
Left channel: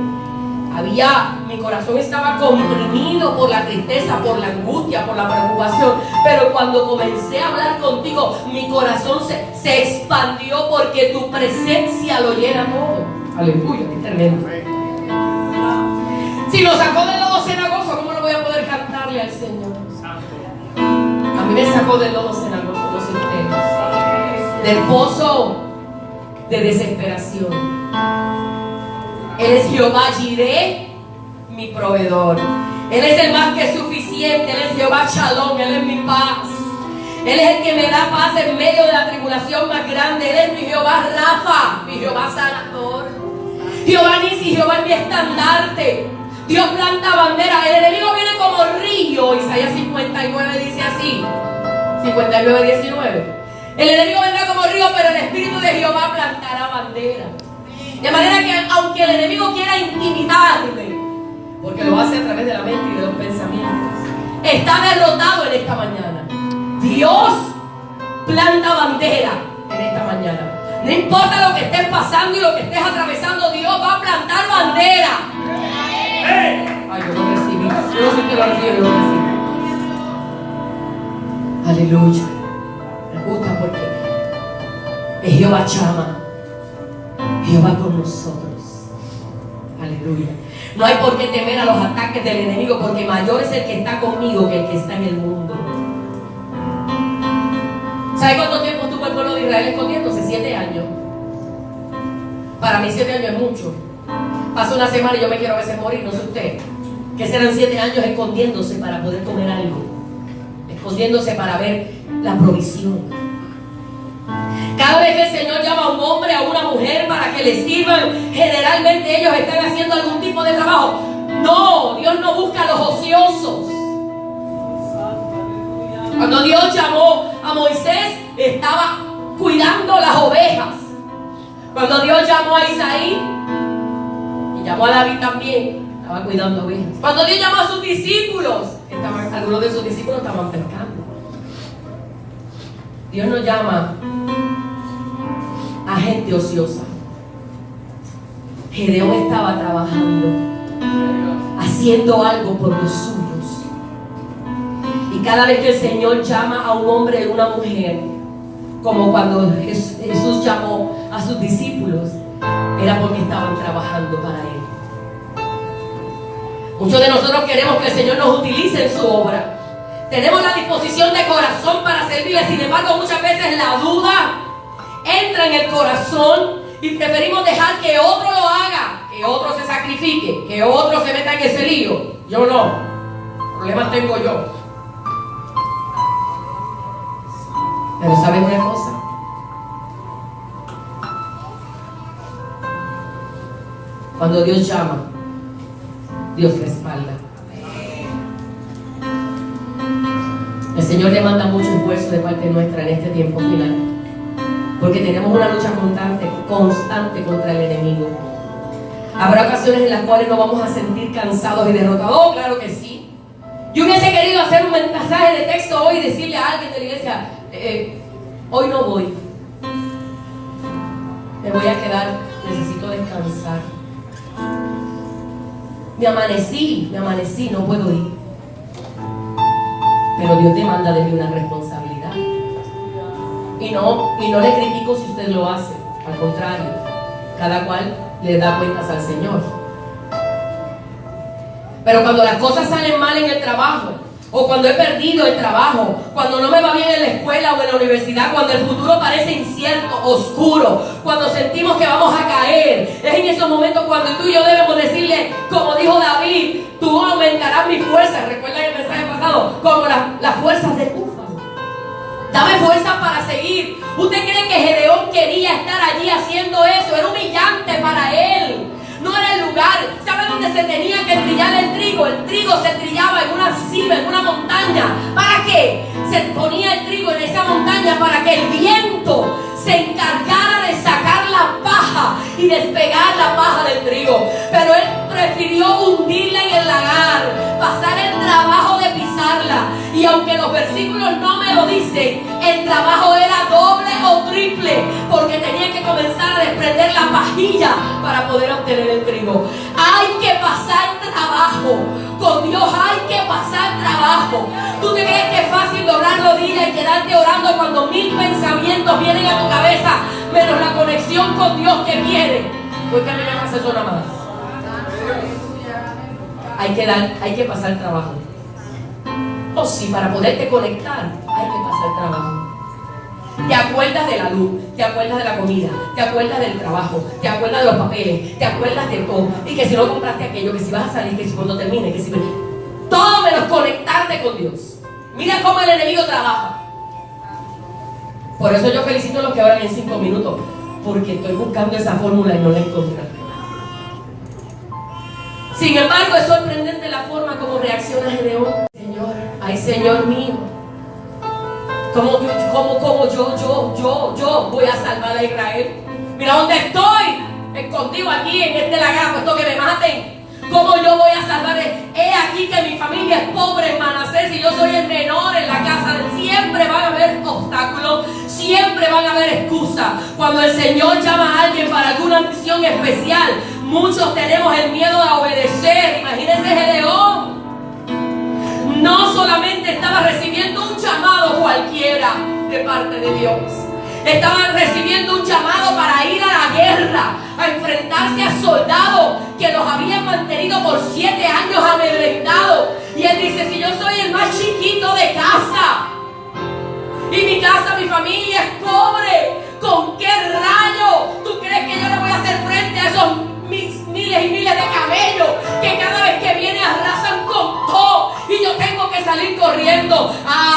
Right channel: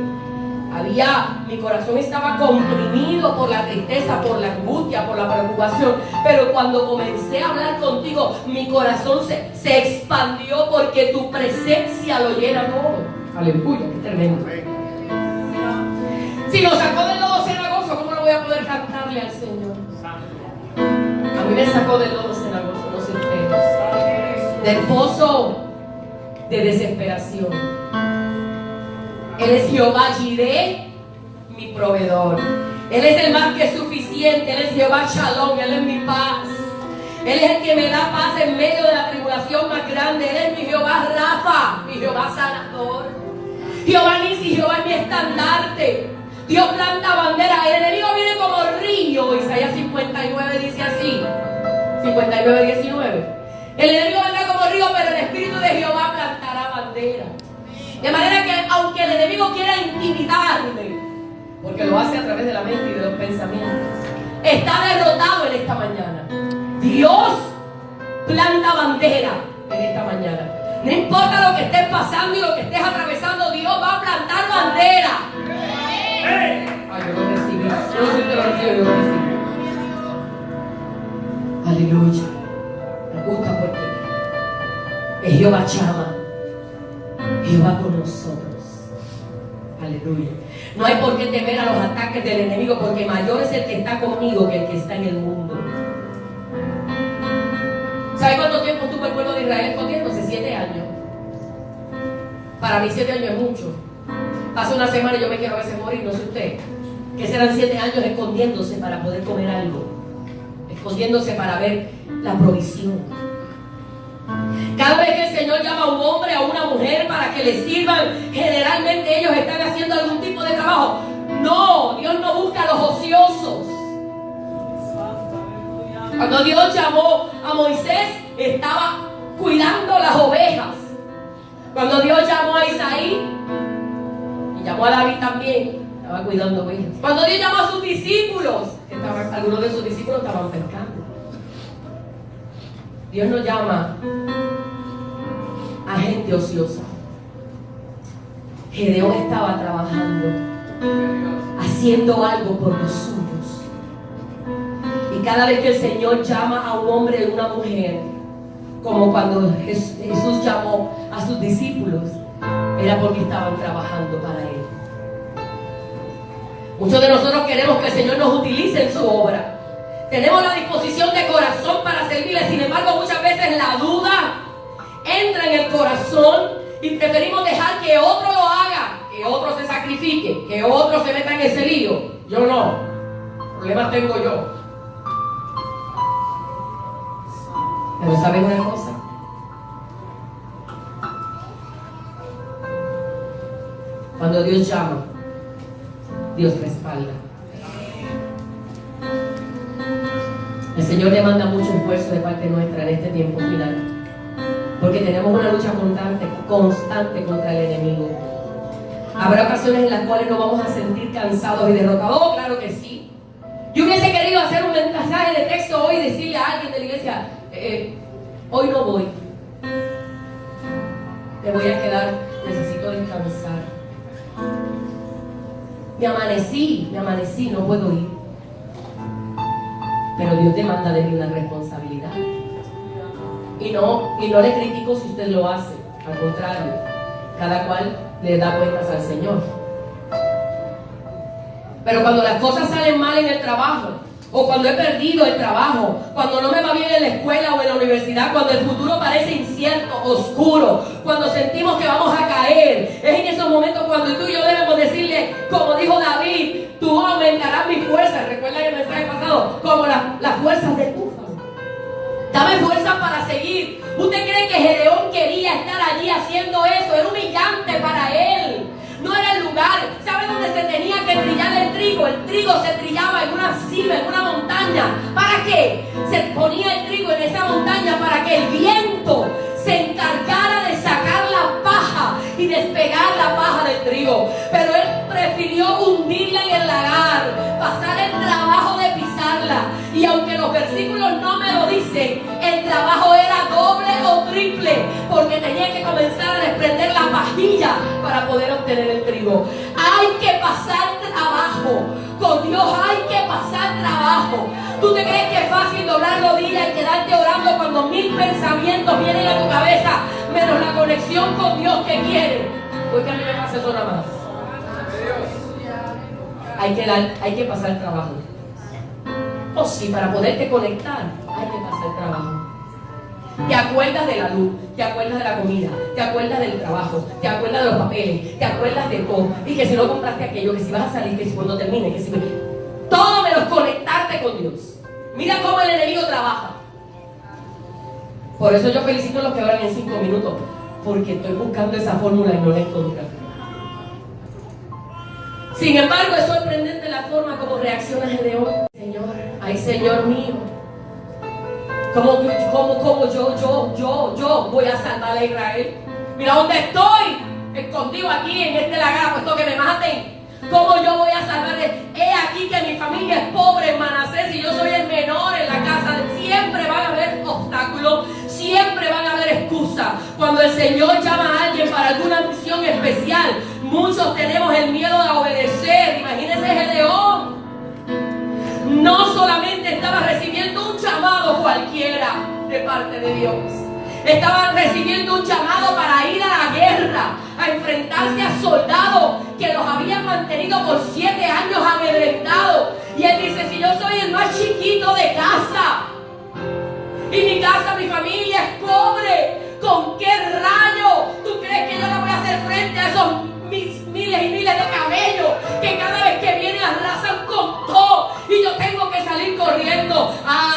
Mi corazón estaba comprimido por la tristeza, por la angustia, por la preocupación, pero cuando comencé a hablar contigo, mi corazón se expandió, porque tu presencia lo llena todo. Aleluya, qué tremendo. Si lo sacó del lodo cenagoso, ¿cómo no voy a poder cantarle al Señor? A mí me sacó del lodo cenagoso, no sé ustedes, del pozo de desesperación. Él es Jehová Jireh, mi proveedor. Él es el más que suficiente. Él es Jehová Shalom, Él es mi paz. Él es el que me da paz en medio de la tribulación más grande. Él es mi Jehová Rafa, mi Jehová sanador. Jehová Nisi, Jehová es mi estandarte. Dios planta bandera. El enemigo viene como río. Isaías 59 dice así, 59:19. El enemigo vendrá como río, pero el Espíritu de Jehová plantará bandera. De manera que aunque el enemigo quiera intimidarle, porque lo hace a través de la mente y de los pensamientos, está derrotado en esta mañana. Dios planta bandera en esta mañana. No importa lo que estés pasando y lo que estés atravesando, Dios va a plantar bandera. Ay, yo lo recibí. Yo no sé si te lo recibo, yo lo recibí. Aleluya. Me gusta porque es Jehová Chama, Jehová con nosotros. Aleluya. No hay por qué temer a los ataques del enemigo, porque mayor es el que está conmigo que el que está en el mundo. ¿Sabe cuánto tiempo estuvo el pueblo de Israel escondiéndose? 7 años. Para mí 7 años es mucho. Pasa una semana y yo me quiero a veces morir, no sé usted. Que serán 7 años escondiéndose para poder comer algo, escondiéndose para ver la provisión. Cada vez que el Señor llama a un hombre, a una mujer para que le sirvan, generalmente ellos están haciendo algún tipo de trabajo. No, Dios no busca a los ociosos. Cuando Dios llamó a Moisés, estaba cuidando las ovejas. Cuando Dios llamó a Isaí, y llamó a David también, estaba cuidando ovejas. Cuando Dios llamó a sus discípulos, algunos de sus discípulos estaban pescando. Dios no llama a gente ociosa. Gedeón estaba trabajando, haciendo algo por los suyos. Y cada vez que el Señor llama a un hombre o una mujer, como cuando Jesús llamó a sus discípulos, era porque estaban trabajando para Él. Muchos de nosotros queremos que el Señor nos utilice en su obra. Tenemos la disposición de corazón para servirle. Sin embargo, muchas veces la duda entra en el corazón y preferimos dejar que otro lo haga, que otro se sacrifique, que otro se meta en ese lío. Yo no. Problemas tengo yo. Pero ¿saben una cosa? Cuando Dios llama, Dios respalda. El Señor demanda mucho esfuerzo de parte nuestra en este tiempo final, porque tenemos una lucha constante contra el enemigo. Habrá ocasiones en las cuales nos vamos a sentir cansados y derrotados. Oh, claro que sí. Yo hubiese querido hacer un mensaje de texto hoy y decirle a alguien de la iglesia, hoy no voy, me voy a quedar, necesito descansar. Me amanecí, no puedo ir. Pero Dios demanda de mí una responsabilidad. Y no le critico si usted lo hace. Al contrario, cada cual le da cuentas al Señor. Pero cuando las cosas salen mal en el trabajo, o cuando he perdido el trabajo, cuando no me va bien en la escuela o en la universidad, cuando el futuro parece incierto, oscuro, cuando sentimos que vamos a caer, es en esos momentos cuando tú y yo debemos decirle, como dijo David, tú aumentarás mis fuerzas. Recuerda el mensaje pasado, como las fuerzas del búfalo. Dame fuerzas para seguir. ¿Usted cree que Gedeón quería estar allí haciendo eso? Era humillante para él. No era el lugar. ¿Sabe dónde se tenía que trillar el trigo? El trigo se trillaba en una cima, en una montaña. ¿Para qué? Se ponía el trigo en esa montaña para que el viento se encargara de sacar la paja y despegar la paja del trigo. Pero él prefirió hundirla en el lagar, pasar el trabajo de pisarla. Y aunque los versículos no me lo dicen, el trabajo era doble o triple, porque tenía que comenzar a desprender la pajilla para poder obtener el trigo. Hay que pasar trabajo. Con Dios hay que pasar trabajo. ¿Tú te crees que es fácil doblar rodillas y quedarte orando cuando 1000 pensamientos vienen a tu cabeza, menos la conexión con Dios que quiere? Pues que a mí me pasa eso nada más. Hay que pasar trabajo. Oh sí, para poderte conectar hay que pasar trabajo. Te acuerdas de la luz, te acuerdas de la comida, te acuerdas del trabajo, te acuerdas de los papeles, te acuerdas de todo. Y que si no compraste aquello, que si vas a salir, que si cuando termine, que si... Todo menos conectarte con Dios. Mira cómo el enemigo trabaja. Por eso yo felicito a los que oran en 5 minutos, porque estoy buscando esa fórmula y no la encontré. Sin embargo, es sorprendente la forma como reacciona Gedeón. Señor, ay Señor mío, ¿cómo yo voy a salvar a Israel? Mira dónde estoy, escondido aquí en este lagar, puesto que me maten. ¿Cómo yo voy a salvar? He aquí que mi familia es pobre en Manasés y yo soy el menor en la casa. Siempre van a haber obstáculos, siempre van a haber excusas. Cuando el Señor llama a alguien para alguna misión especial, muchos tenemos el miedo de obedecer. Imagínense Gedeón. No solamente estaba recibiendo un llamado cualquiera de parte de Dios, estaba recibiendo un llamado para ir a la guerra, a enfrentarse a soldados que los habían mantenido por 7 años amedrentados. Y él dice, si yo soy el más chiquito de casa, y mi casa, mi familia es pobre, ¿con qué rayo tú crees que yo le voy a hacer frente a esos miles y miles de camellos que cada vez que vienen arrasan con todo y yo tengo que salir corriendo?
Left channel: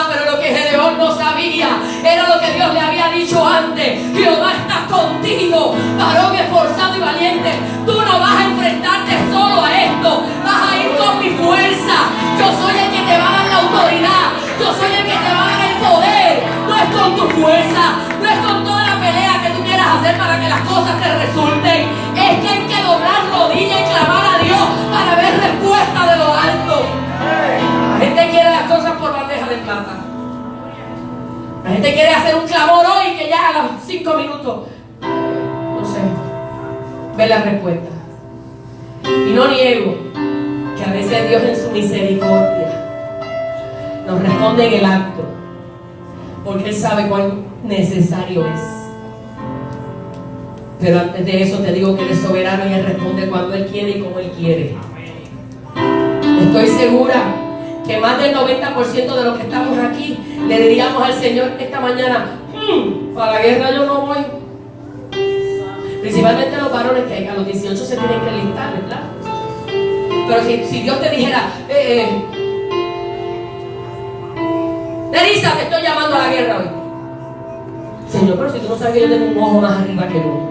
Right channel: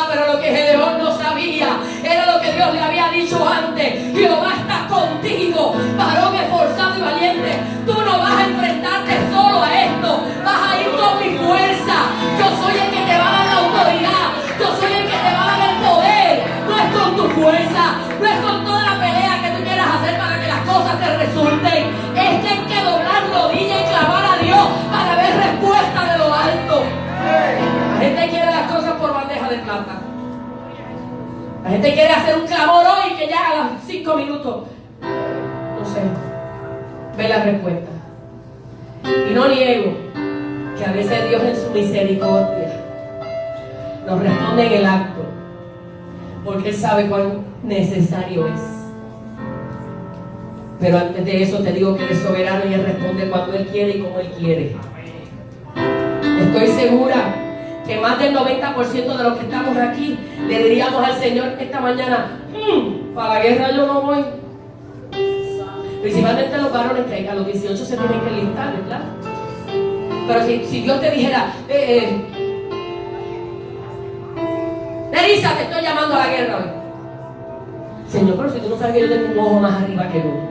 Pero lo que Gedeón no sabía era lo que Dios le había dicho antes: Jehová está contigo, varón esforzado y valiente. Tú no vas a enfrentarte solo a esto, vas a ir con mi fuerza. Yo soy el que te va a dar la autoridad, yo soy el que te va a dar el poder. No es con tu fuerza, no es con toda la pelea que tú quieras hacer para que las cosas te resulten. Es que hay que doblar rodillas y clamar a Dios para ver respuesta de lo alto. La gente quiere las cosas por bandeja de plata. La gente quiere hacer un clamor hoy que ya a los 5 minutos, no sé, ve la respuesta. Y no niego que a veces Dios en su misericordia nos responde en el acto, porque Él sabe cuán necesario es. Pero antes de eso te digo que Él es soberano y Él responde cuando Él quiere y como Él quiere. Estoy segura que más del 90% de los que estamos aquí le diríamos al Señor esta mañana: para la guerra yo no voy. Principalmente los varones, que a los 18 se tienen que enlistar, ¿verdad? Pero si Dios te dijera: Teresa, te estoy llamando a la guerra hoy. Señor, pero si tú no sabes que yo tengo un ojo más arriba que el otro.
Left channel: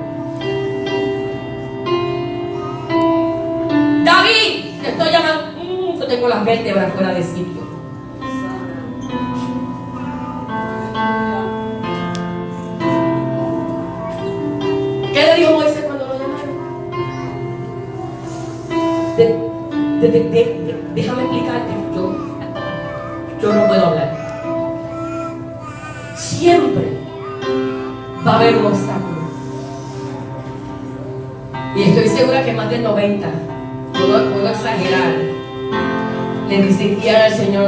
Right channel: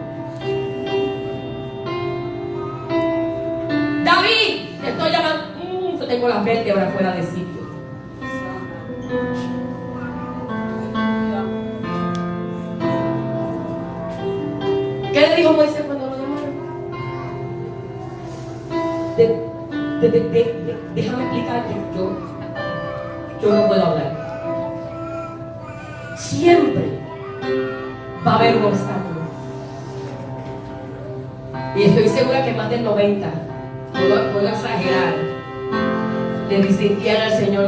David, te estoy llamando. Yo tengo las vértebras fuera de sitio. ¿Qué le dijo Moisés cuando lo llamaron? Déjame explicar que yo no puedo hablar. Siempre va a haber un obstáculo. Y estoy segura que más del 90, puedo exagerar, le dirían al Señor:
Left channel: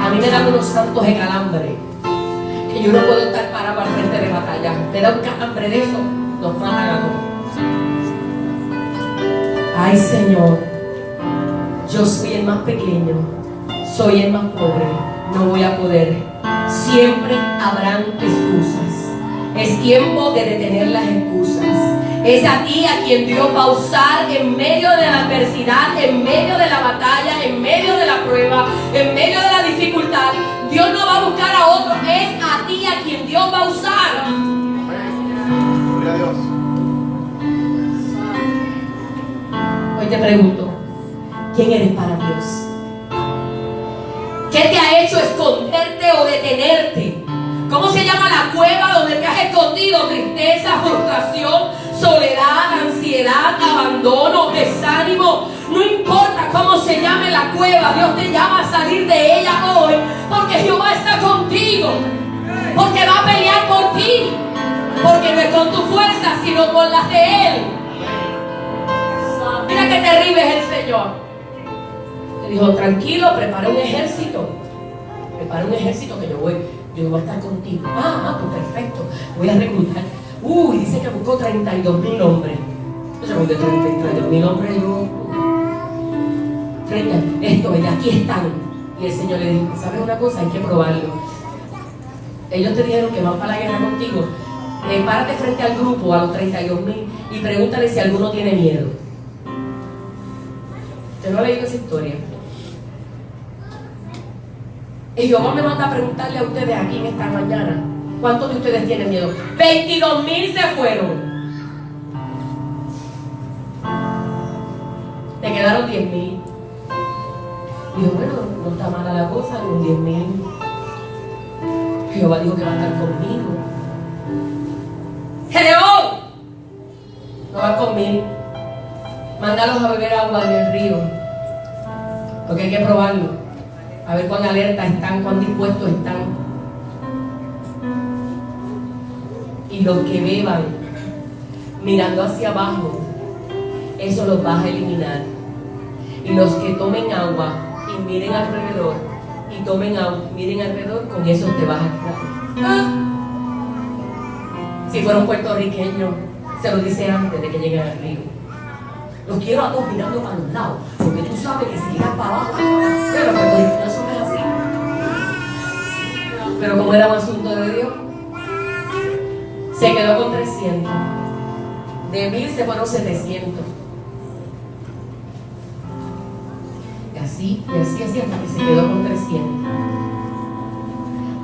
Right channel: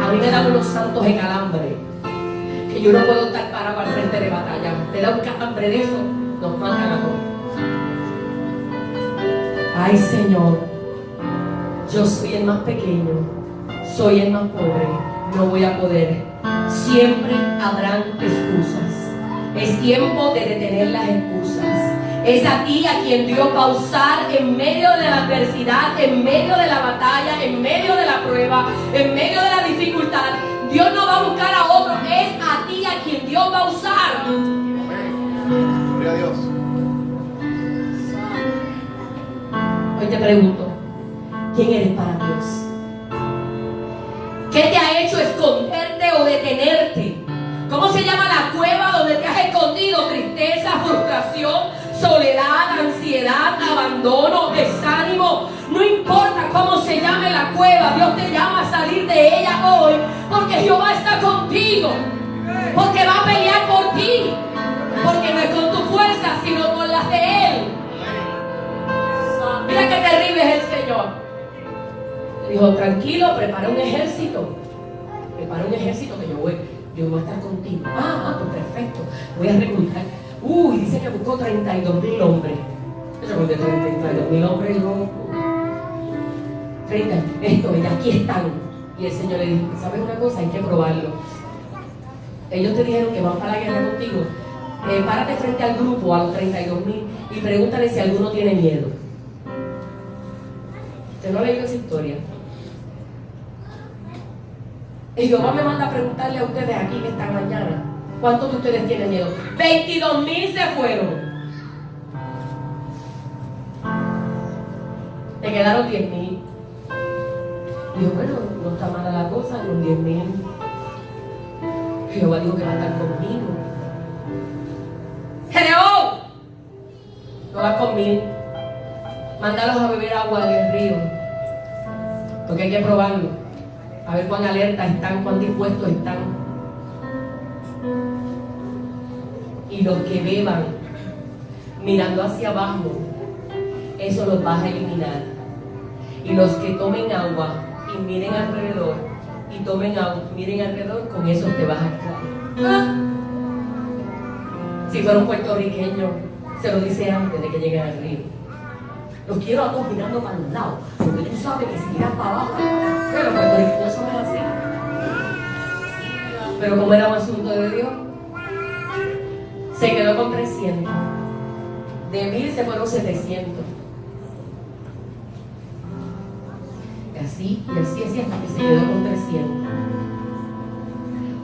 a mí me dan unos santos de calambre, que yo no puedo estar parado al frente de batalla. Me da un calambre de eso, nos matan a todos. Ay, Señor, yo soy el más pequeño, soy el más pobre, no voy a poder. Siempre habrán excusas. Es tiempo de detener las excusas. Es a ti a quien Dios va a usar en medio de la adversidad, en medio de la batalla, en medio de la prueba, en medio de la dificultad. Dios no va a buscar a otro, es a ti a quien Dios va a usar. Gloria a Dios. Hoy te pregunto: ¿quién eres para Dios? ¿Qué te ha hecho esconderte o detenerte? ¿Cómo se llama la cueva donde te has escondido? Tristeza, frustración, soledad, ansiedad, abandono, desánimo. No importa cómo se llame la cueva, Dios te llama a salir de ella hoy, porque Jehová está contigo, porque va a pelear por ti, porque no es con tu fuerza, sino con las de Él. Mira qué terrible es el Señor. Le dijo: tranquilo, prepara un ejército. Prepara un ejército que yo voy a estar contigo. Pues perfecto. Voy a reclutar. Dice que buscó 32,000 hombres. Yo no de 32,000 hombres, yo 30. Y aquí están. Y el Señor le dijo: ¿sabes una cosa? Hay que probarlo. Ellos te dijeron que van para la guerra contigo. Párate frente al grupo, a los 32,000, y pregúntale si alguno tiene miedo. ¿Usted no ha leído esa historia? Y Jehová me manda a preguntarle a ustedes aquí en esta mañana: ¿cuántos de ustedes tienen miedo? 22,000 se fueron. Te quedaron 10,000. Dijo: bueno, no está mala la cosa, con 10,000. Jehová dijo que va a estar conmigo. ¡Gedeón! No va conmigo. Mándalos a beber agua en el río. Porque hay que probarlo. A ver cuán alerta están, cuán dispuestos están. Y los que beban mirando hacia abajo, eso los vas a eliminar. Y los que tomen agua y miren alrededor, y tomen agua, miren alrededor, con eso te vas a quedar. Si fuera un puertorriqueño, se lo dice antes de que lleguen al río: los quiero a todos mirando para los lados, porque tú sabes que si miras para abajo, pero los puertorriqueños somos así. Pero como era un asunto de Dios, se quedó con 300. De 1,000 se fueron 700. Y así, hasta que se quedó con 300.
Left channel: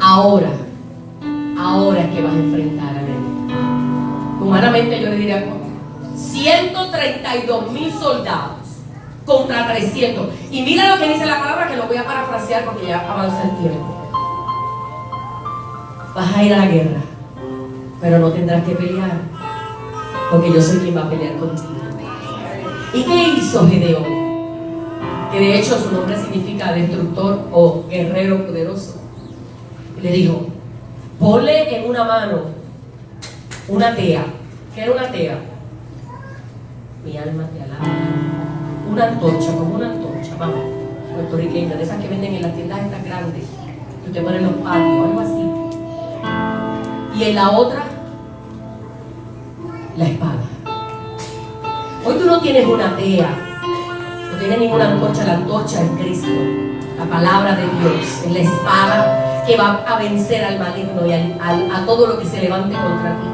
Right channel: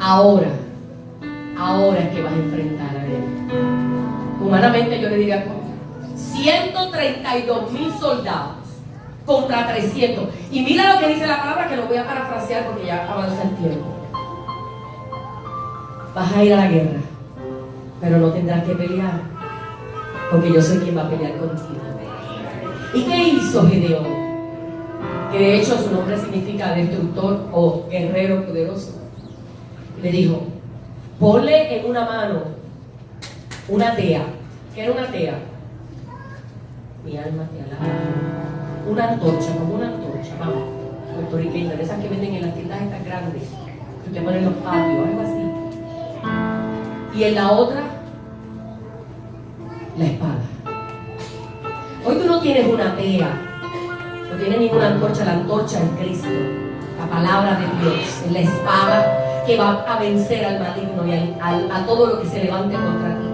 Ahora es que vas a enfrentar a Él. Humanamente yo le diría: 132,000 soldados contra 300. Y mira lo que dice la palabra, que lo voy a parafrasear porque ya avanza el tiempo. Vas a ir a la guerra, pero no tendrás que pelear, porque yo soy quien va a pelear contigo. ¿Y qué hizo Gedeón? Que de hecho su nombre significa destructor o guerrero poderoso. Y le dijo: ponle en una mano una tea. ¿Qué era una tea? Mi alma te alaba. Una antorcha, como una antorcha, vamos. puertorriqueñas, de esas que venden en las tiendas estas grandes, que usted pone en los patios, algo así. Y en la otra, la espada. Hoy tú no tienes una tea, no tienes ninguna antorcha, la antorcha es Cristo, la palabra de Dios, es la espada que va a vencer al maligno y a todo lo que se levante contra ti.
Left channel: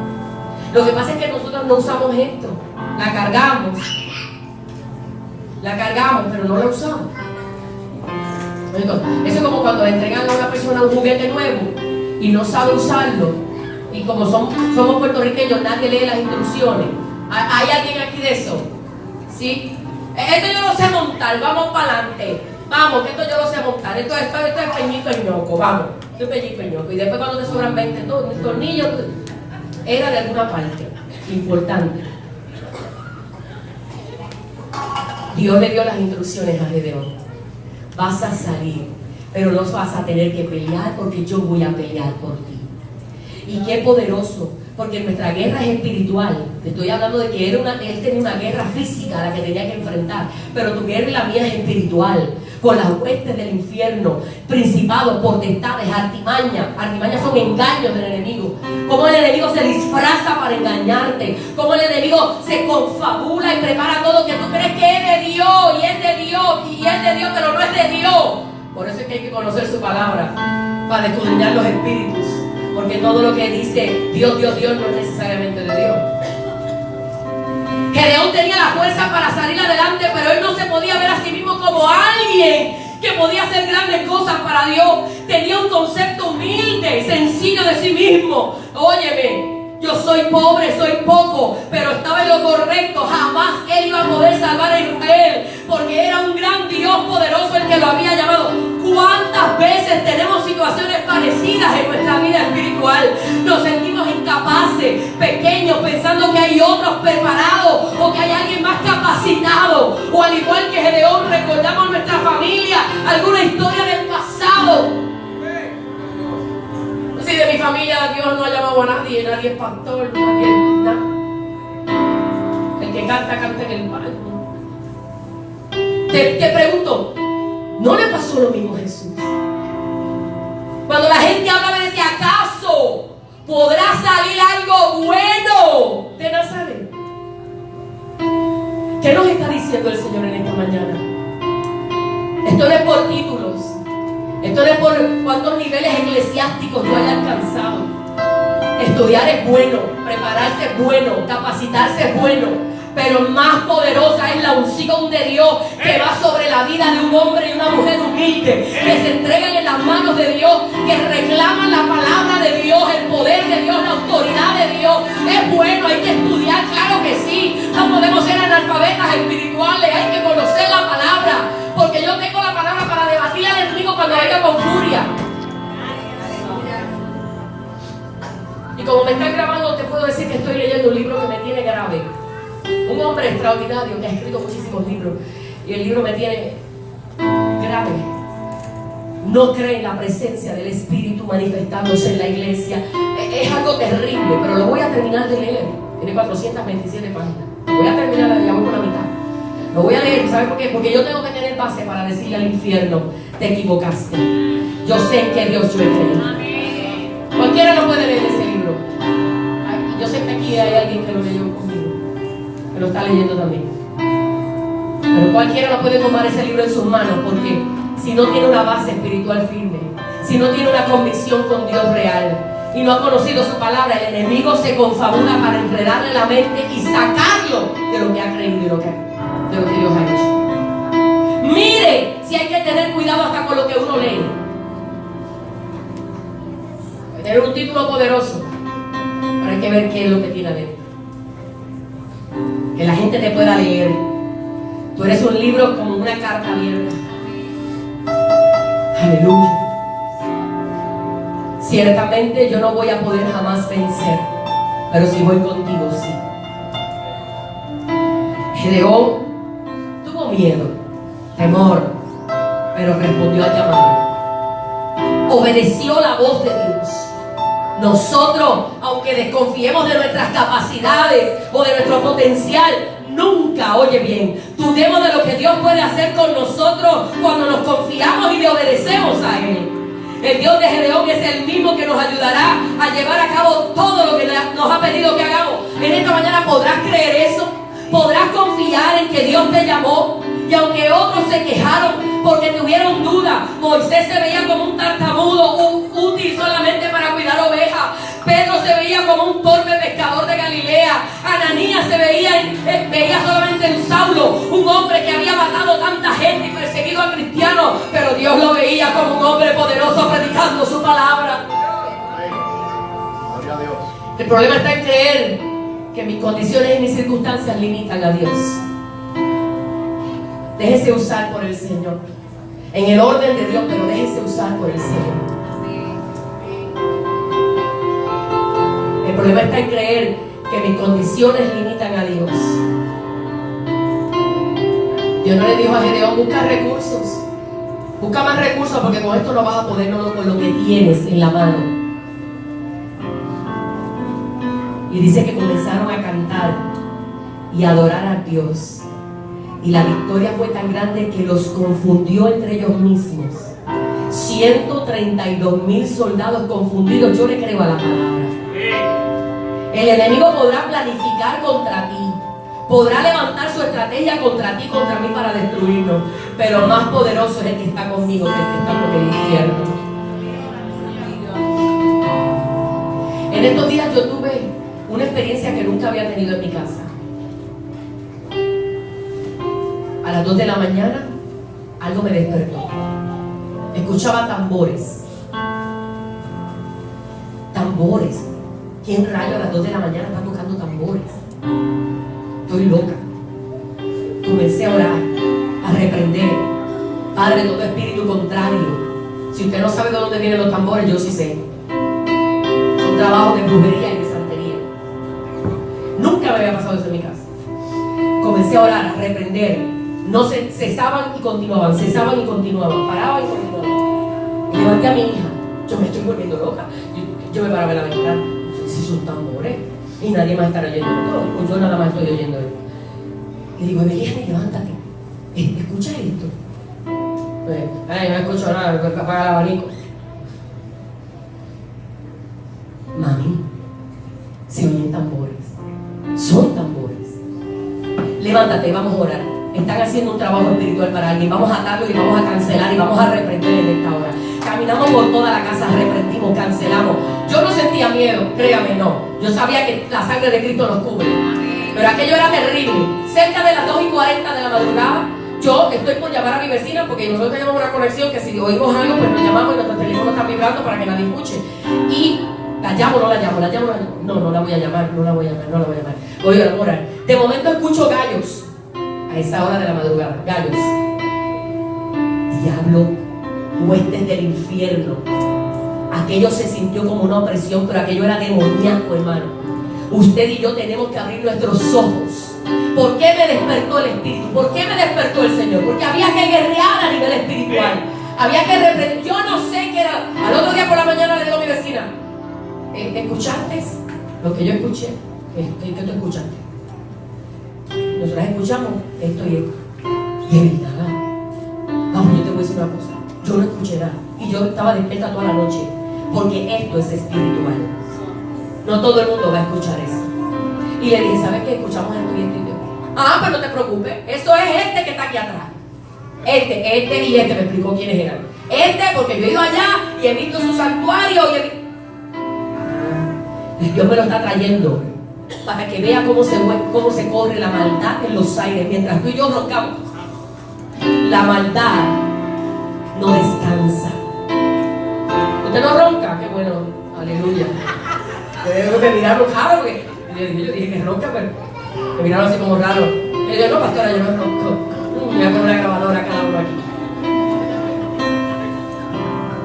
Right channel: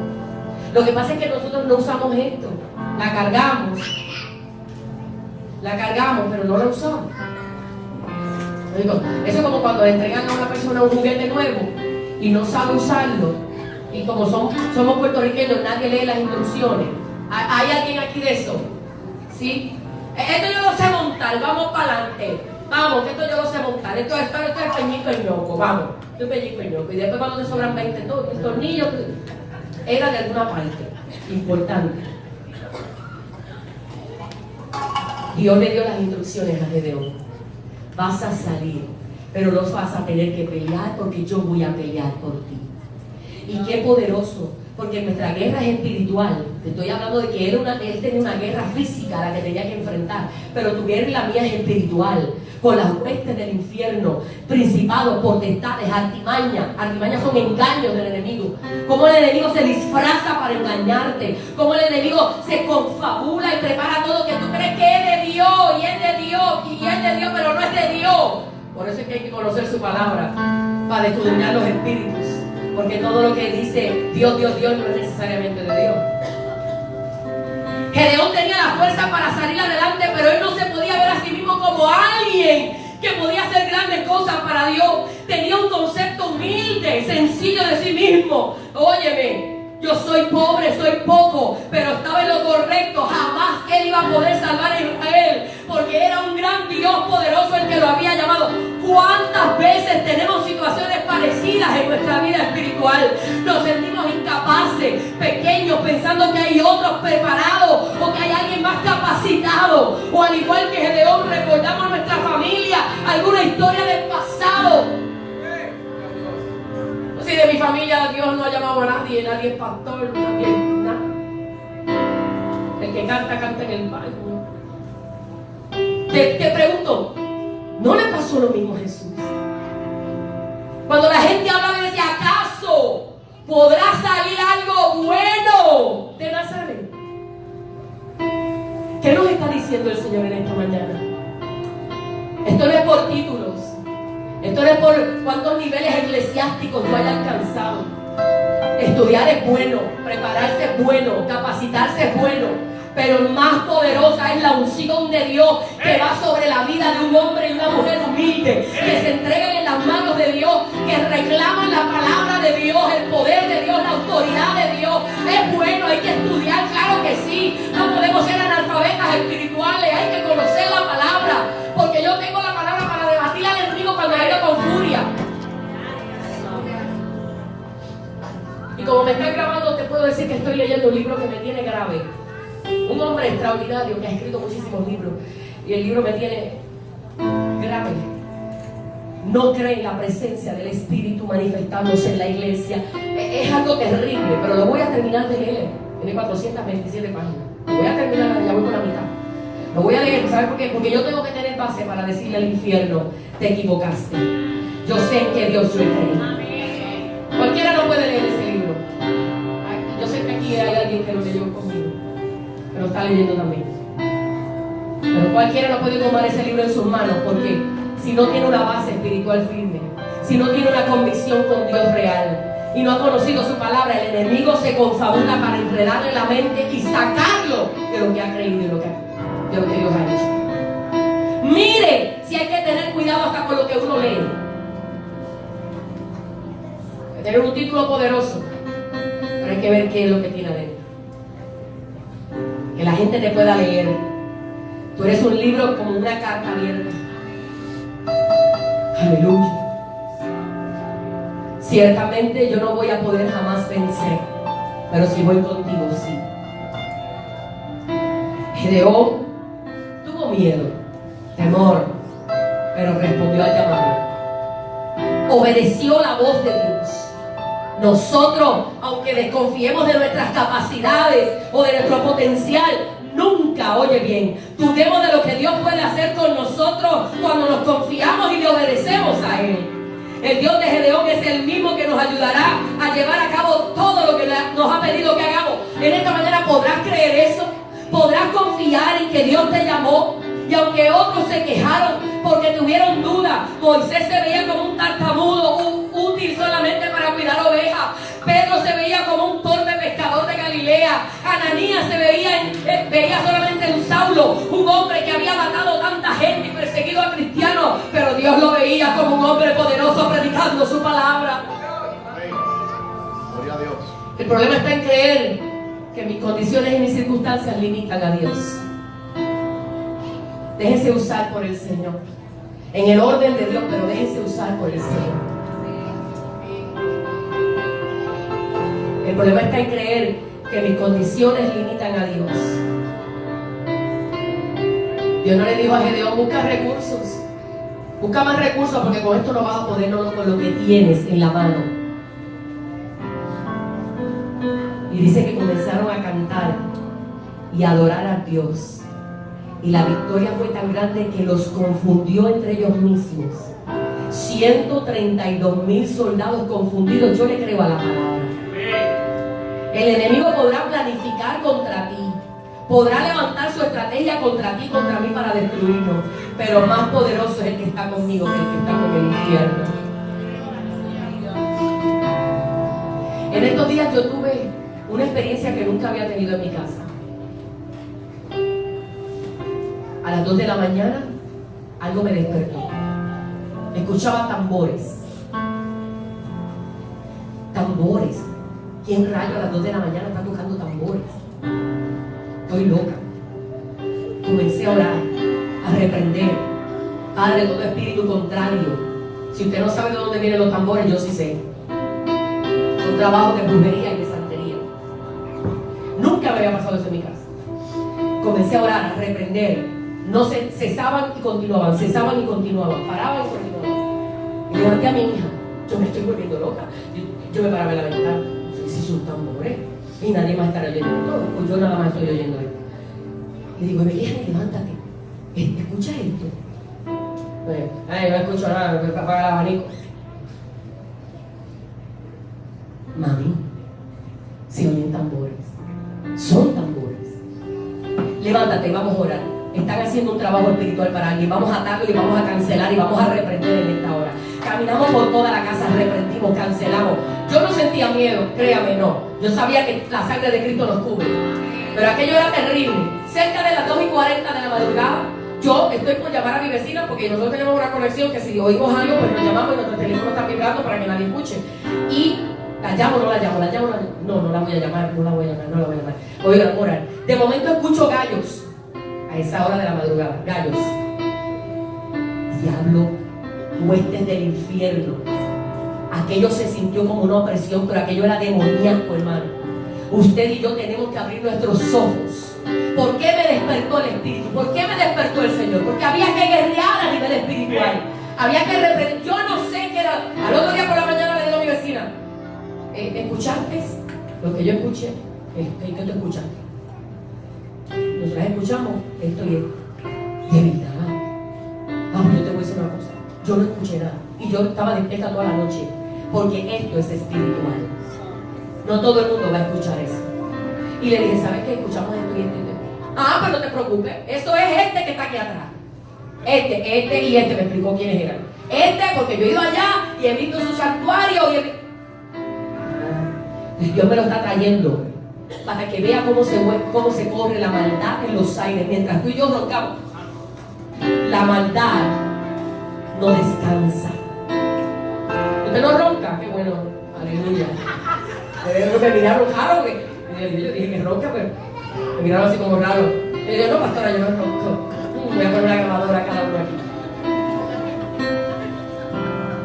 Lo que pasa es que nosotros no usamos esto, la cargamos, pero no la usamos. Eso es como cuando le entregan a una persona un juguete nuevo y no sabe usarlo. Y como somos puertorriqueños, nadie lee las instrucciones. ¿Hay alguien aquí de eso? ¿Sí? Esto yo lo sé montar, vamos para adelante. Vamos, que esto yo lo sé montar. Esto es peñico y ñoco, vamos. Esto es peñico y ñoco. Y después cuando te sobran 20 tornillos, era de alguna parte importante. Dios le dio las instrucciones a Gedeón. Vas a salir, pero no vas a tener que pelear porque yo voy a pelear por ti. Y qué poderoso, porque nuestra guerra es espiritual. Te estoy hablando de que él tenía una guerra física a la que tenía que enfrentar, pero tu guerra y la mía es espiritual, con las huestes del infierno, principados, potestades, artimañas. Artimañas son engaños del enemigo. Cómo el enemigo se disfraza para engañarte, cómo el enemigo se confabula y prepara todo que tú crees que es de Dios, y es de Dios, y es de Dios, pero no es de Dios. Por eso es que hay que conocer su palabra, para escudriñar los espíritus. Porque todo lo que dice Dios no es necesariamente de Dios. Gedeón tenía la fuerza para salir adelante, pero él no se podía ver a sí mismo como alguien que podía hacer grandes cosas para Dios. Tenía un concepto humilde y sencillo de sí mismo. Óyeme, yo soy pobre, soy poco, pero estaba en lo correcto. Jamás él iba a poder salvar a Israel, porque era un gran Dios poderoso el que lo había llamado. ¿Cuántas veces tenemos situaciones parecidas en nuestra vida espiritual? Nos sentimos incapaces, pequeños, pensando que hay otros preparados o que hay alguien más capacitado. O al igual que Gedeón, recordamos nuestra familia, alguna historia del pasado. Si de mi familia Dios no ha llamado a nadie, nadie es pastor, nadie es nada. El que canta, canta en el baño. Te pregunto, ¿no le pasó lo mismo a Jesús? Cuando la gente hablaba y decía, ¿acaso podrá salir algo bueno de Nazaret? ¿Qué nos está diciendo el Señor en esta mañana? Esto no es por títulos. Esto no es por cuántos niveles eclesiásticos yo haya alcanzado. Estudiar es bueno, prepararse es bueno, capacitarse es bueno, pero más poderosa es la unción de Dios que va sobre la vida de un hombre y una mujer humilde, que se entregan en las manos de Dios, que reclaman la palabra de Dios, el poder de Dios, la autoridad de Dios. Es bueno, hay que estudiar, claro que sí. No podemos ser analfabetas espirituales, hay que conocer la palabra, porque yo tengo la palabra para debatir al enemigo cuando venga con furia. Y como me están grabando, te puedo decir que estoy leyendo un libro que me tiene grave. Un hombre extraordinario que ha escrito muchísimos libros, y el libro me tiene grave. No cree en la presencia del Espíritu manifestándose en la iglesia. Es algo terrible, pero lo voy a terminar de leer. Tiene 427 páginas. Lo voy a terminar, ya voy por la mitad. Lo voy a leer, ¿sabes por qué? Porque yo tengo que tener base para decirle al infierno, te equivocaste. Yo sé en qué Dios yo he creído. Cualquiera no puede leer ese libro. Yo sé que aquí hay alguien que lo leyó conmigo, que lo está leyendo también. Pero cualquiera no puede tomar ese libro en sus manos, porque si no tiene una base espiritual firme, si no tiene una convicción con Dios real y no ha conocido su palabra, el enemigo se confabula para enredarle la mente y sacarlo de lo que ha creído y de lo que Dios ha hecho. Mire, si hay que tener cuidado hasta con lo que uno lee. Tener un título poderoso, pero hay que ver qué es lo que tiene adentro. Que la gente te pueda leer. Tú eres un libro como una carta abierta. Aleluya. Ciertamente yo no voy a poder jamás vencer, pero si voy contigo, sí. Gedeón tuvo miedo, temor, pero respondió al llamado. Obedeció la voz de Dios. Nosotros, aunque desconfiemos de nuestras capacidades o de nuestro potencial, nunca, oye bien, dudemos de lo que Dios puede hacer con nosotros cuando nos confiamos y le obedecemos a Él. El Dios de Gedeón es el mismo que nos ayudará a llevar a cabo todo lo que nos ha pedido que hagamos. En esta mañana podrás creer eso, podrás confiar en que Dios te llamó. Y aunque otros se quejaron porque tuvieron duda, Moisés se veía como un tartamudo útil solamente para cuidar ovejas. Pedro se veía como un torpe pescador de Galilea. Ananías se veía solamente en Saulo, un hombre que había matado tanta gente y perseguido a cristianos, pero Dios lo veía como un hombre poderoso predicando su palabra. Amén. Gloria a Dios. El problema está en creer que mis condiciones y mis circunstancias limitan a Dios. Déjese usar por el Señor, en el orden de Dios, pero déjese usar por el Señor. El problema está en creer que mis condiciones limitan a Dios. Dios no le dijo a Gedeón: busca recursos, busca más recursos, porque con esto no vas a poder, no con lo que tienes en la mano. Y dice que comenzaron a cantar y a adorar a Dios. Y la victoria fue tan grande que los confundió entre ellos mismos. 132,000 soldados confundidos. Yo le creo a la palabra. El enemigo podrá planificar contra ti, podrá levantar su estrategia contra ti, contra mí, para destruirnos, pero más poderoso es el que está conmigo que el que está con el infierno. En estos días yo tuve una experiencia que nunca había tenido en mi casa. A las 2 de la mañana algo me despertó. Escuchaba tambores. Tambores. ¿Quién rayo a las 2 de la mañana está tocando tambores? Estoy loca. Comencé a orar, a reprender. Padre, todo espíritu contrario. Si usted no sabe de dónde vienen los tambores, yo sí sé. Son trabajos de brujería y de santería. Nunca me había pasado eso en mi casa. Comencé a orar, a reprender. No cesaban y continuaban, cesaban y continuaban, paraban y continuaban. Y levanté a mi hija. Yo me estoy volviendo loca. Yo me paraba en la ventana. Si son tambores y nadie más estará oyendo todo, pues yo nada más estoy oyendo esto. Le digo: Evelyn, levántate, escucha esto. No escucho nada, apaga el abanico. Mami, se oyen tambores, son tambores. Levántate, vamos a orar. Están haciendo un trabajo espiritual para alguien. Vamos a atarlo y vamos a cancelar y vamos a reprender en esta hora. Caminamos por toda la casa, reprendimos, cancelamos. Yo no sentía miedo, créame, no. Yo sabía que la sangre de Cristo nos cubre. Pero aquello era terrible. Cerca de las 2:40 de la madrugada, yo estoy por llamar a mi vecina, porque nosotros tenemos una conexión que si oímos algo, pues nos llamamos y nuestro teléfono está vibrando para que nadie escuche. Y la llamo, no la llamo, no la voy a llamar. Oye, ahora, de momento escucho gallos. A esa hora de la madrugada, gallos. Diablo, huestes del infierno. Aquello se sintió como una opresión, pero aquello era demoníaco, hermano. Usted y yo tenemos que abrir nuestros ojos. ¿Por qué me despertó el Espíritu? ¿Por qué me despertó el Señor? Porque había que guerrear a nivel espiritual. Había que reprender. Yo no sé qué era. Al otro día por la mañana le digo a mi vecina: ¿escuchaste lo que yo escuché? ¿Qué tú escuchaste? Nosotras escuchamos esto y esto. De verdad. Vamos, yo te voy a decir una cosa. Yo no escuché nada. Y yo estaba despierta toda la noche. Porque esto es espiritual. No todo el mundo va a escuchar eso. Y le dije: ¿sabes qué? Escuchamos esto y esto y esto. Ah, pero no te preocupes. Eso es este que está aquí atrás. Este y este. Me explicó quiénes eran. Porque yo he ido allá y he visto su santuario y Dios me lo está trayendo para que vea cómo se corre la maldad en los aires. Mientras tú y yo roncamos, la maldad no descansa. ¿Usted no ronca? Qué bueno, aleluya. Me miraron raro, porque yo dije que ronca, pero me miraron así como raro. Y yo: no, pastora, yo no ronco. Voy a poner una grabadora cada uno aquí.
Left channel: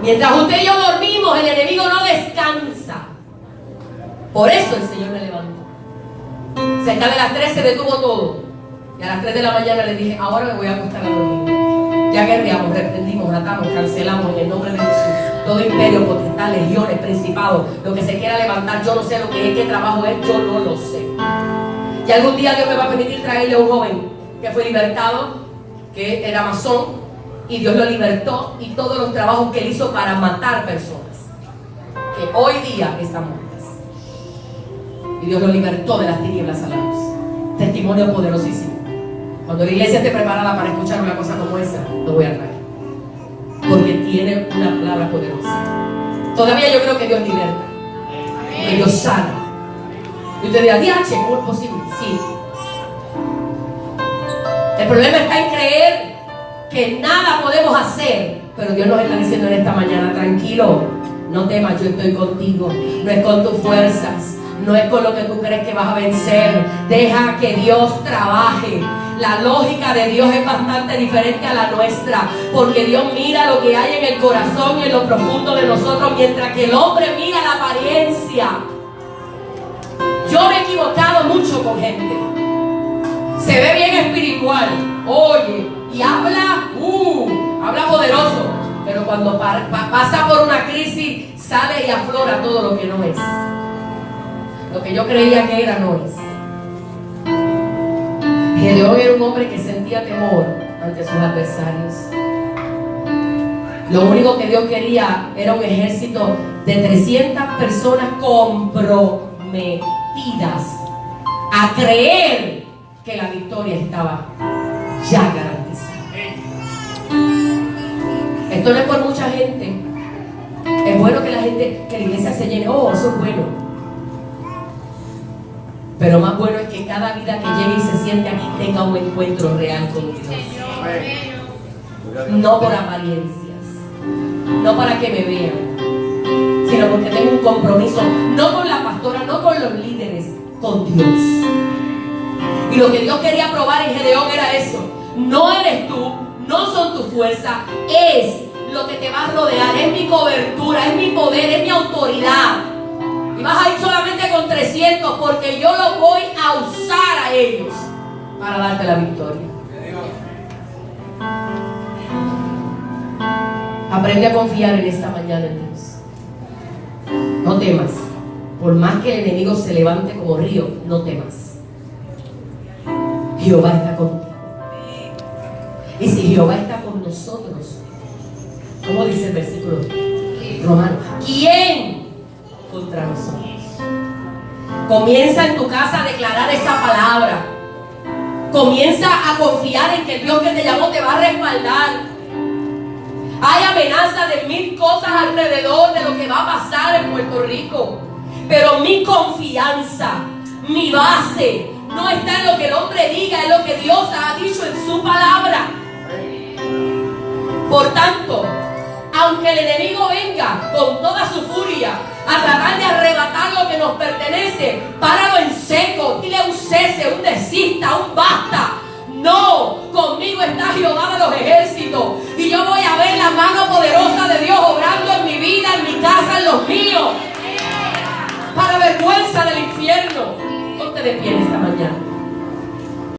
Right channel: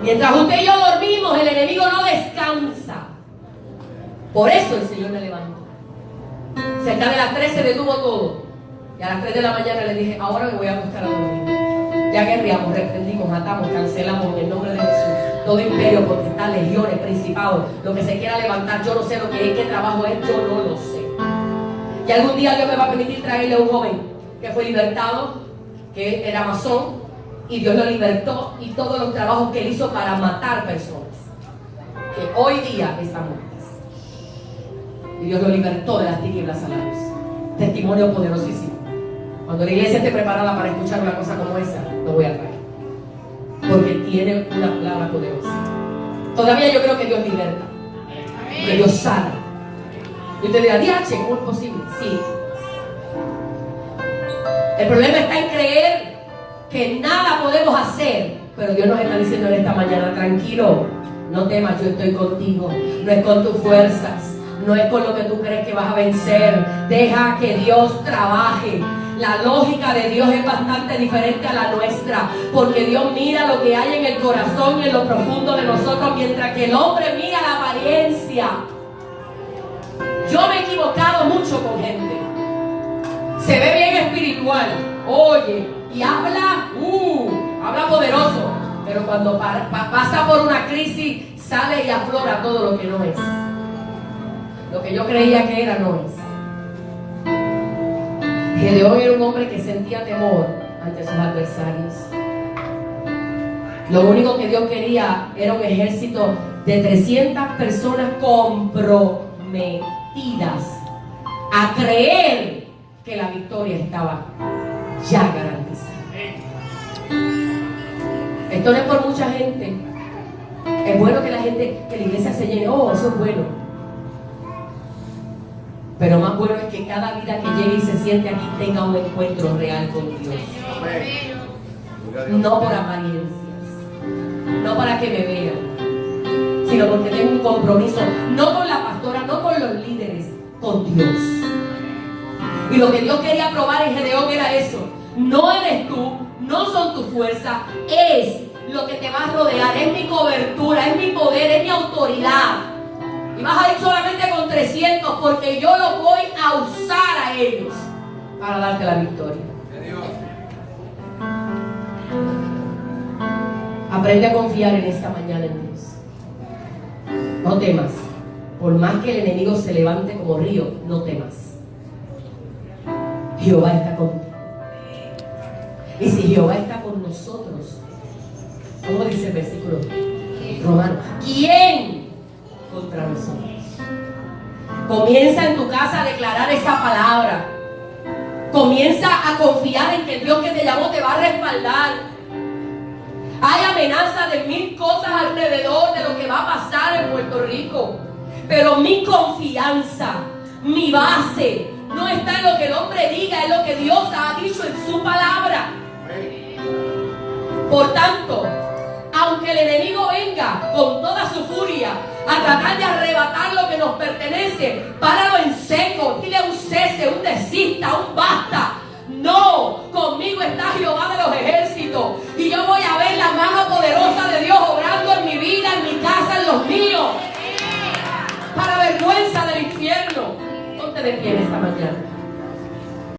Mientras usted y yo dormimos, el enemigo no descansa. Por eso el Señor me levantó. Cerca de las 3 se detuvo todo. Y a las 3 de la mañana le dije: ahora me voy a acostar a dormir. Ya guerreamos, reprendimos, atamos, cancelamos en el nombre de Jesús. Todo imperio, potestad, legiones, principados, lo que se quiera levantar, yo no sé lo que es, qué trabajo es, yo no lo sé. Y algún día Dios me va a permitir traerle a un joven que fue libertado, que era masón, y Dios lo libertó, y todos los trabajos que él hizo para matar personas, que hoy día están muertas. Y Dios lo libertó de las tinieblas a la luz. Testimonio poderosísimo. Cuando la iglesia esté preparada para escuchar una cosa como esa, lo voy a traer. Porque tiene una palabra poderosa. Todavía yo creo que Dios liberta, que Dios sana. Y usted dirá, diache, ¿cómo es posible? Sí. El problema está en creer que nada podemos hacer. Pero Dios nos está diciendo en esta mañana, tranquilo, no temas, yo estoy contigo. No es con tus fuerzas, no es con lo que tú crees que vas a vencer. Deja que Dios trabaje. La lógica de Dios es bastante diferente a la nuestra, porque Dios mira lo que hay en el corazón y en lo profundo de nosotros, mientras que el hombre mira la apariencia. Yo me he equivocado mucho con gente. Se ve bien espiritual, oye, y habla poderoso, pero cuando pasa por una crisis, sale y aflora todo lo que no es. Lo que yo creía que era, no es. Gedeón era un hombre que sentía temor ante sus adversarios. Lo único que Dios quería era un ejército de 300 personas comprometidas a creer que la victoria estaba ya garantizada. Esto no es por mucha gente. Es bueno que la iglesia se llene. Oh, eso es bueno. Pero más bueno es que cada vida que llegue y se siente aquí tenga un encuentro real con Dios. No por apariencias, no para que me vean, sino porque tengo un compromiso, no con la pastora, no con los líderes, con Dios. Y lo que Dios quería probar en Gedeón era eso. No eres tú, no son tus fuerzas, es lo que te va a rodear, es mi cobertura, es mi poder, es mi autoridad. Y vas a ir solamente con 300 porque yo los voy a usar a ellos para darte la victoria. Aprende a confiar en esta mañana en Dios. No temas. Por más que el enemigo se levante como río, no temas. Jehová está contigo. Y si Jehová está con nosotros, ¿cómo dice el versículo romano? ¿Quién contra nosotros? Comienza en tu casa a declarar esa palabra. Comienza a confiar en que el Dios que te llamó te va a respaldar. Hay amenaza de 1000 cosas alrededor de lo que va a pasar en Puerto Rico, pero mi confianza, mi base, no está en lo que el hombre diga, en lo que Dios ha dicho en su palabra. Por tanto, aunque el enemigo venga con toda su furia a tratar de arrebatar lo que nos pertenece, páralo en seco, dile un cese, un desista, un basta. No, conmigo está Jehová de los ejércitos y yo voy a ver la mano poderosa de Dios obrando en mi vida, en mi casa, en los míos, para vergüenza del infierno. Ponte de pie esta mañana.